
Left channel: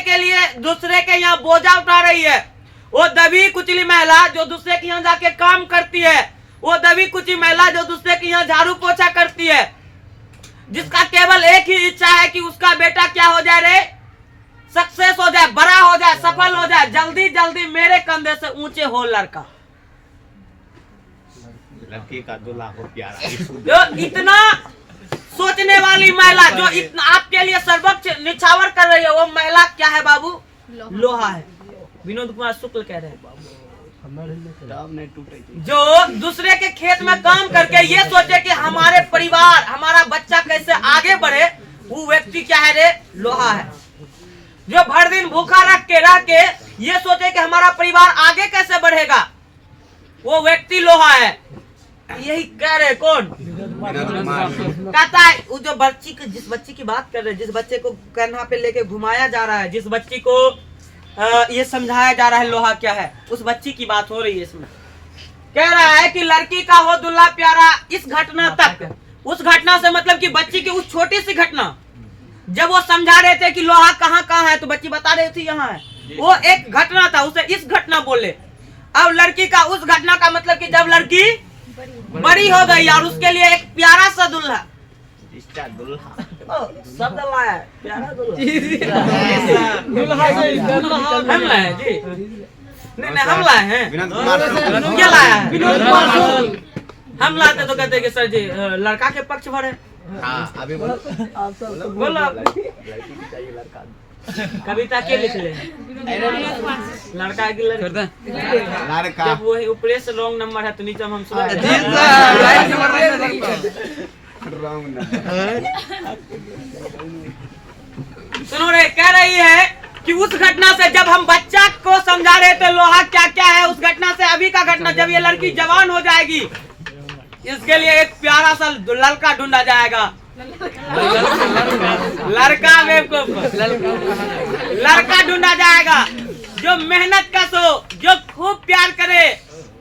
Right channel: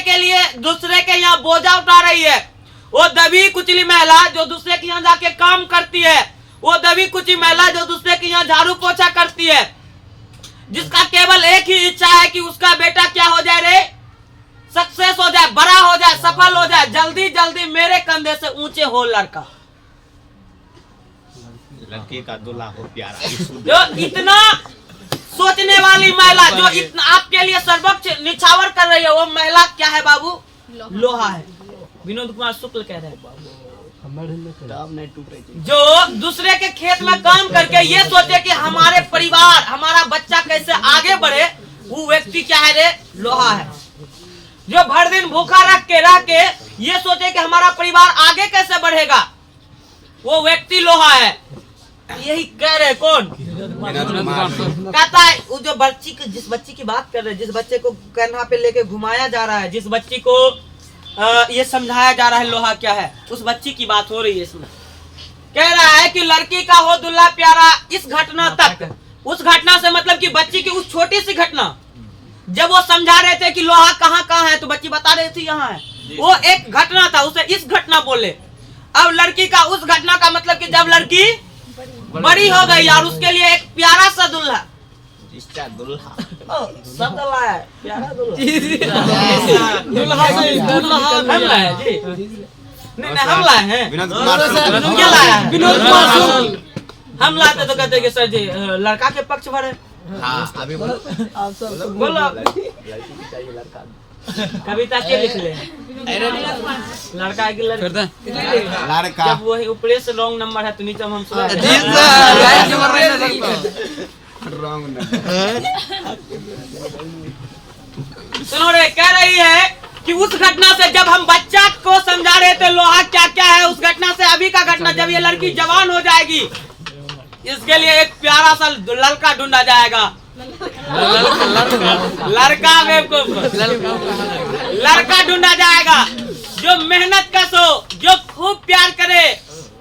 के यहाँ बोझा उठा रही है, वो दबी कुचली महिला जो दूसरे के यहाँ जाके काम करती है, वो दबी कुचली महिला जो दूसरे के यहाँ झाड़ू पोछा करती है, जिसका केवल एक ही इच्छा है कि उसका बेटा क्या हो जाए रे, सक्सेस हो जाए, बड़ा हो जाए, सफल हो जाए, जल्दी जल्दी मेरे कंधे से ऊंचे हो लड़का, लड़की का दूल्हा हो प्यारा। जो इतना सोचने वाली महिला जो इतना आपके लिए सर्वोच्च निछावर कर रही है, वो महिला क्या है बाबू, लोहा है। विनोद कुमार शुक्ल कह रहे हैं जो दूसरे के खेत में काम करके ये सोचे कि हमारे परिवार, हमारा बच्चा कैसे आगे बढ़े, वो व्यक्ति क्या है रे, लोहा है। जो भर दिन भूखा रह के ये सोचे कि हमारा परिवार आगे कैसे बढ़ेगा, वो व्यक्ति लोहा है। यही कह रहे कौन, कहता है वो जो बच्ची की, जिस बच्ची की बात कर रहे हैं, जिस बच्चे को कंधा पे लेके घुमाया जा रहा है, जिस बच्ची को ये समझाया जा रहा है लोहा क्या है, उस बच्ची की बात हो रही है। इसमें कह रहा है कि लड़की का हो दूल्हा प्यारा, इस घटना तक, उस घटना से मतलब कि बच्ची की उस छोटी सी घटना, जब वो समझा रहे थे कि लोहा कहाँ कहाँ है, तो बच्ची बता रही थी यहाँ है, वो एक घटना था, उसे इस घटना बोले। अब लड़की का उस घटना का मतलब कि जब लड़की बड़ी हो गई और उसके लिए एक प्यारा सा दूल्हा, शब्द लाया है, प्यारा दूल्हा हम लाए हैं जी, नहीं हम लाए हैं, विनोद कुमार शुक्ल क्या लाया है, विनोद कुमार शुक्ल। हम लाते तो कहते कि सर जी लड़का के पक्ष भरे। हाँ अभी बोलो बोलो लड़की की चाहिए लड़का, कविता के लिख ले, लड़का की लड़का जब वही ऊपरे से रॉन्ग नंबर है तो नीचे हम सुना रॉन्ग। सुनो रे, कह रही है कि उस घटना से जब हम बच्चा को समझा रहे थे लोहा क्या क्या है, उस घटना से अभी का घटना, जब ये लड़की जवान हो जाएगी, इसके लिए एक प्यारा सा लड़का ढूंढा जाएगा। लड़का बेवकूफ, लड़का ढूंढा जाएगा जो मेहनत कश हो, जो खूब प्यार करे,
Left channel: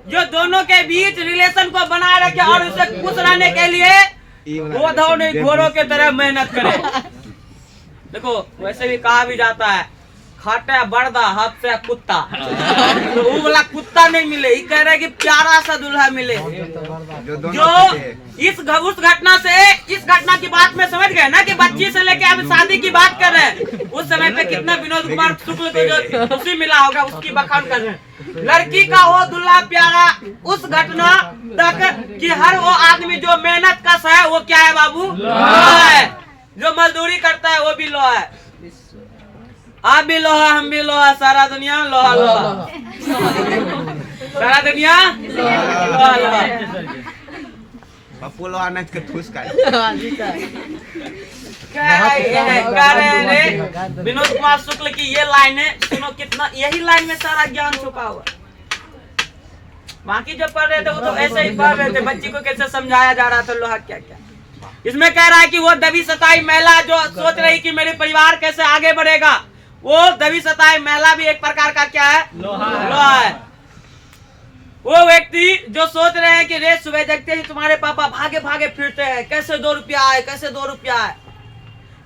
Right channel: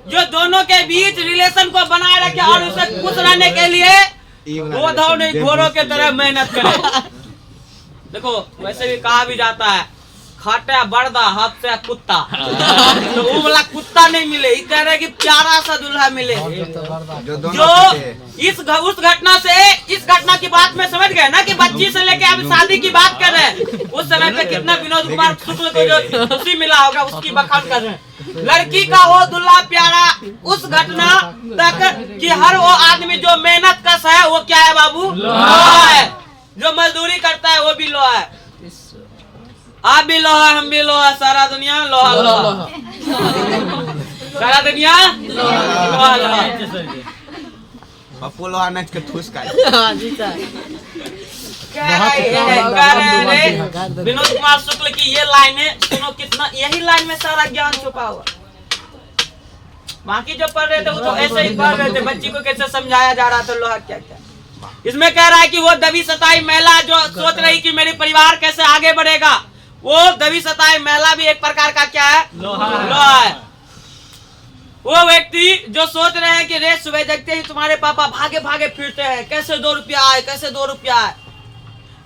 जो दोनों के बीच रिलेशन को बनाए रखे और उसे खुश रहने के लिए वो नहीं घोड़ों के तरह मेहनत करे। देखो वैसे भी कहा भी जाता है, खाटा बर्दा हाथ से कुत्ता, तो वो वाला कुत्ता नहीं मिले, ये कह रहे कि प्यारा सा दूल्हा मिले जो उस घटना से, इस घटना की बात में समझ गए ना कि बच्ची से लेके अभी शादी की बात कर रहे हैं। उस समय पे कितना विनोद कुमार शुक्ल को जो खुशी मिला होगा उसकी बखान कर रहे हैं। लड़की का वो दूल्हा प्यारा, उस घटना तक कि हर वो आदमी जो मेहनत कश है वो क्या है बाबू, लोहा है। जो मजदूरी करता है वो भी लोहा है। आप भी लोहा हम भी लोहा, सारा दुनिया लोहा लोहा, सारा दुनिया लोहा लोहा। पप्पू लोहा नच के ठूस कर। कह रहे हैं विनोद कुमार शुक्ल की ये लाइन है, सुनो कितना, यही लाइन में सारा ज्ञान छुपा हुआ। बाकी जो पढ़ रहे थे वो तो ऐसे ही पढ़ रहे थे, बच्ची को कैसे समझाया जा रहा था लोहा क्या क्या। इसमें कह रहा है कि वो दबी सताई महिला जो सोच रही कि मेरे परिवार कैसे आगे बढ़ेगा, वो दबी सताई महिला भी एक प्रकार का क्या है, लोहा है। वो व्यक्ति जो सोच रहे हैं कि रेत सुबह जगते ही तुम्हारे पापा भागे भागे फिरते हैं, कैसे 2 रुपया आए, कैसे 2 रुपया आए,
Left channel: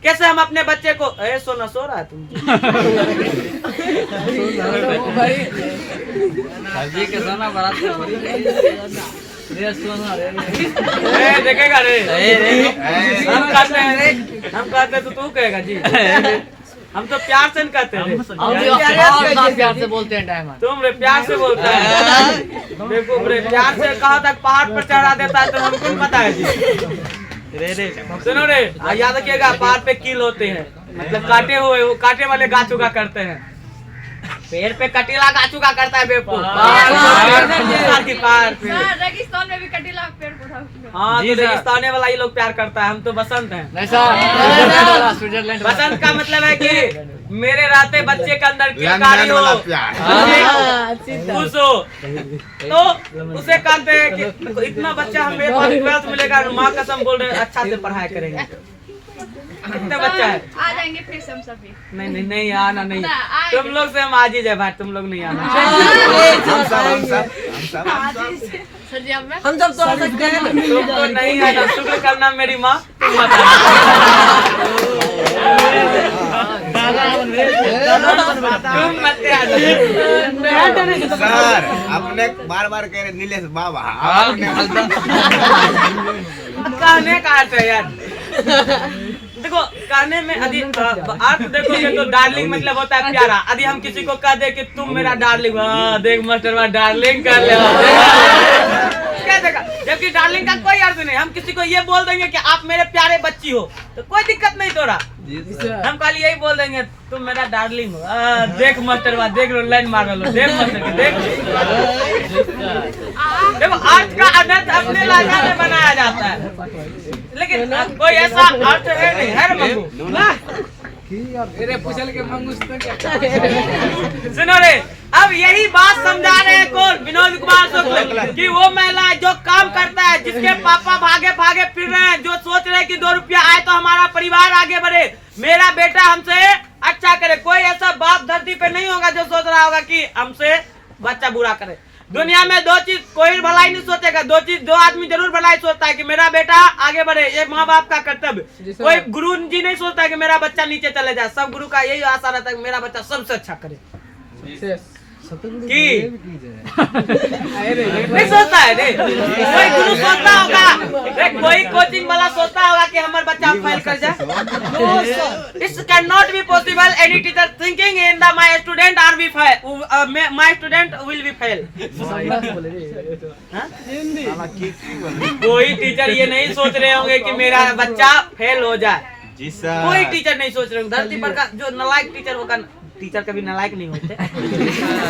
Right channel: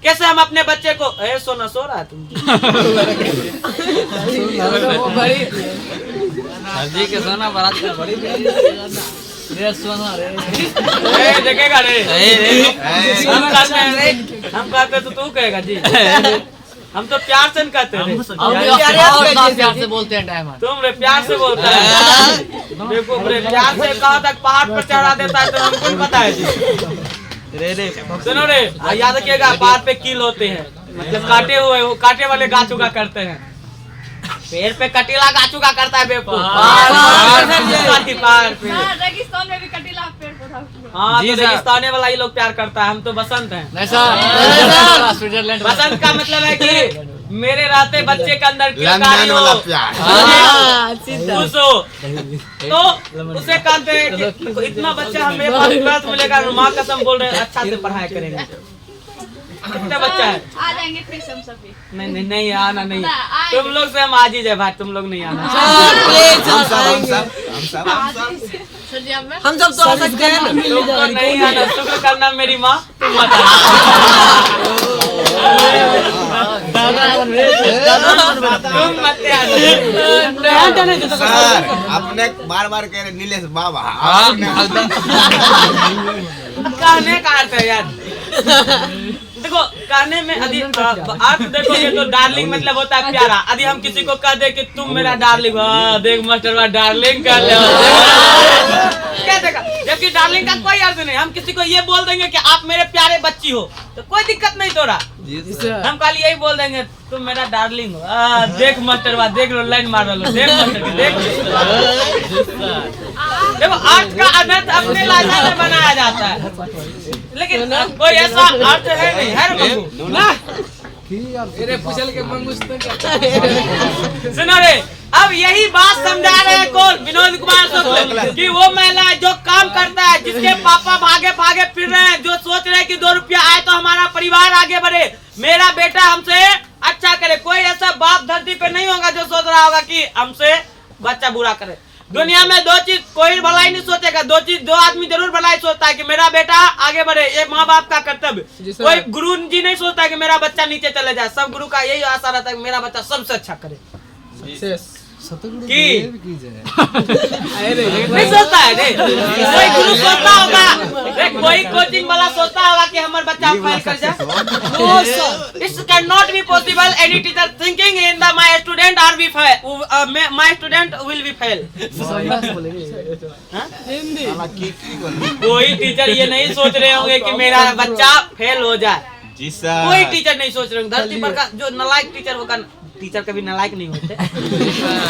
कैसे हम अपने बच्चे को, ए सोना सो रहा है तुम जी के सोना बारात के बड़ी ये सोना रे ए देखेगा रे, हम कहते हैं रे, हम कहते तो तू कहेगा जी, हम तो प्यार से कहते हैं रे, और प्यार से बोलते हैं डायमंड। तुम रे प्यार से बोलता है, देखो रे प्यार से कहा तक पहाड़ पर चढ़ा देता है तो हमको नहीं पता है जी। सुनो रे, याद रखिएगा पहाड़ पे कील होते हैं, मतलब काटे हुए, वो काटे वाले गाछ उगा करते हैं, पेड़ पे कटीला गाछ उगा करता है बेवकूफ, पहाड़ पे। रेगिस्तान में भी कटीला पेड़ पौधा। हाँ तो रेगिस्तान वाला ही लोग प्यार करता है, हम तो बसंत हैं। स्विट्जरलैंड बसंत का मतलब है कि मेरे रहते बच्चे के अंदर किलकारी हो, खुश हो, तो उसे कहते हैं कि इतना बच्चा हमें 12th मिलेगा, माँ कसम बोल रहे अच्छा से पढ़ाई करेंगे। कितना बच्चा है? आ जाएंगे फिर से हम सभी। नहीं नहीं आना नहीं, तुम लोग से हम आज ही जाए भाई, तुम लोग नहीं आना। हम सब सर जी आप हम सब तो आ सकते हैं। तुम तो नहीं आना, शुक्र करना मेरी माँ, तुम मत आना। तुम मत आना सर, अपने बार बार कह रहे नीलेश बाबा, कहने का अर्थ है यार, देखो कहने में यदि अर्थ देखोगे तो डार्लिंग मतलब होता है प्यारा। यदि हम किसी को कह दे कि तुम मेरा डार्लिंग, देख मास्टर डार्लिंग कर ले क्या देखा, जबकि डार्लिंग का कोई अर्थ नहीं। हम किसी को ये बोल देंगे कि आप मेरे प्यारे बच्ची हो तो कोई दिक्कत नहीं तोरा, हम खाली यही बोल देंगे तुम मेरा डार्लिंग हो, देख मास्टर देख लो लाइन मार लो, देख मास्टर के देख। देखो अर्थ का अनर्थ अपने लहजा में बनाया जाता है, लेकिन कोई ऐसा अर्थ है नहीं, है मंगू सुनो रे। अब यही बात समझा रहे हैं कौन, विनोद कुमार शुक्ल, कि वो महिला जो काम करता है, जिसके पापा भागे भागे फिर रहे हैं, जो सोच रहे हैं कि 2 रुपया आए तो हमारा परिवार आगे बढ़े, मेरा बेटा हमसे अच्छा करे। कोई ऐसा बाप धरती पे नहीं होगा जो सोच रहा होगा कि हमसे बच्चा बुरा करे। दुनिया में 2 चीज कोई भलाई नहीं सोचेगा, 2 चीज 2 आदमी जरूर भलाई सोचता है कि मेरा बेटा आगे बढ़े, ये माँ बाप का कर्तव्य। कोई गुरु जी नहीं सोचता है कि मेरा बच्चा नीचे चले जाए, सब गुरु का यही आशा रहता है कि मेरा बच्चा सबसे अच्छा करे। की नहीं सोचता है रे, कोई गुरु सोचता होगा रे, कोई कोचिंग वाला सोचता होगा कि हमारा बच्चा फेल कर जाए। It's can not be possible any teacher thinking in the my student are be fail, my student will be fail. कोई टीचर ये नहीं सोच रहे होंगे कि मेरा बच्चा फेल हो जाए, कोई टीचर नहीं सोच रहे होंगे। धरती पर का जो नालायक टीचर होगा, टीचर कभी नालायक नहीं होते,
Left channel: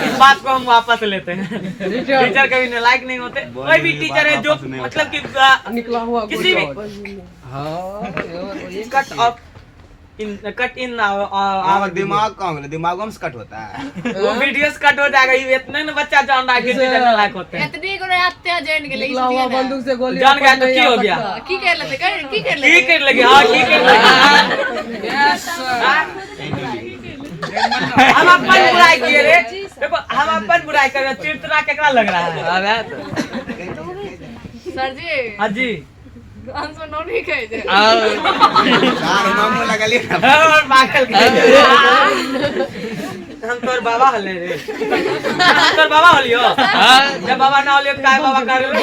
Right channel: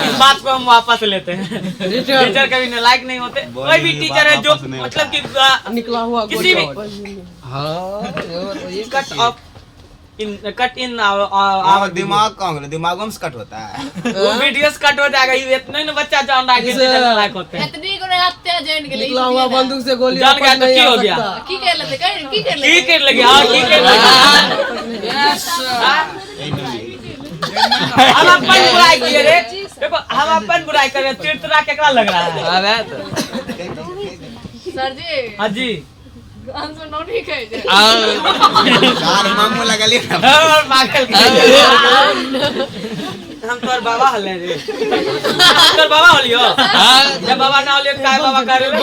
इस बात को हम वापस लेते हैं, टीचर कभी नालायक नहीं होते। कोई भी टीचर है जो मतलब कि किसी भी कट इन दिमाग कौन, दिमागों में कट होता है, वो वीडियो कट हो जाएगा। ये इतने न बच्चा जान रहा है कि टीचर नालायक होते हैं, इतनी को हत्या जान के लिए निकला हुआ बंदूक से गोली जान गया तो की हो गया, की कर लेते की कर की कर लगे, हाँ की कर लगे। हम अपन बुराई किए रे, देखो हम अपन बुराई कर रहे, तीर्थरा केकरा लग रहा है सर जी। हाँ जी आंसर नो नहीं कह दे यार मामू लगा लिया और पागल के हम तोर बाबा हले रे, हम तोर बाबा होलियो, जब बाबा ना होलियो काय बाबा कर रे।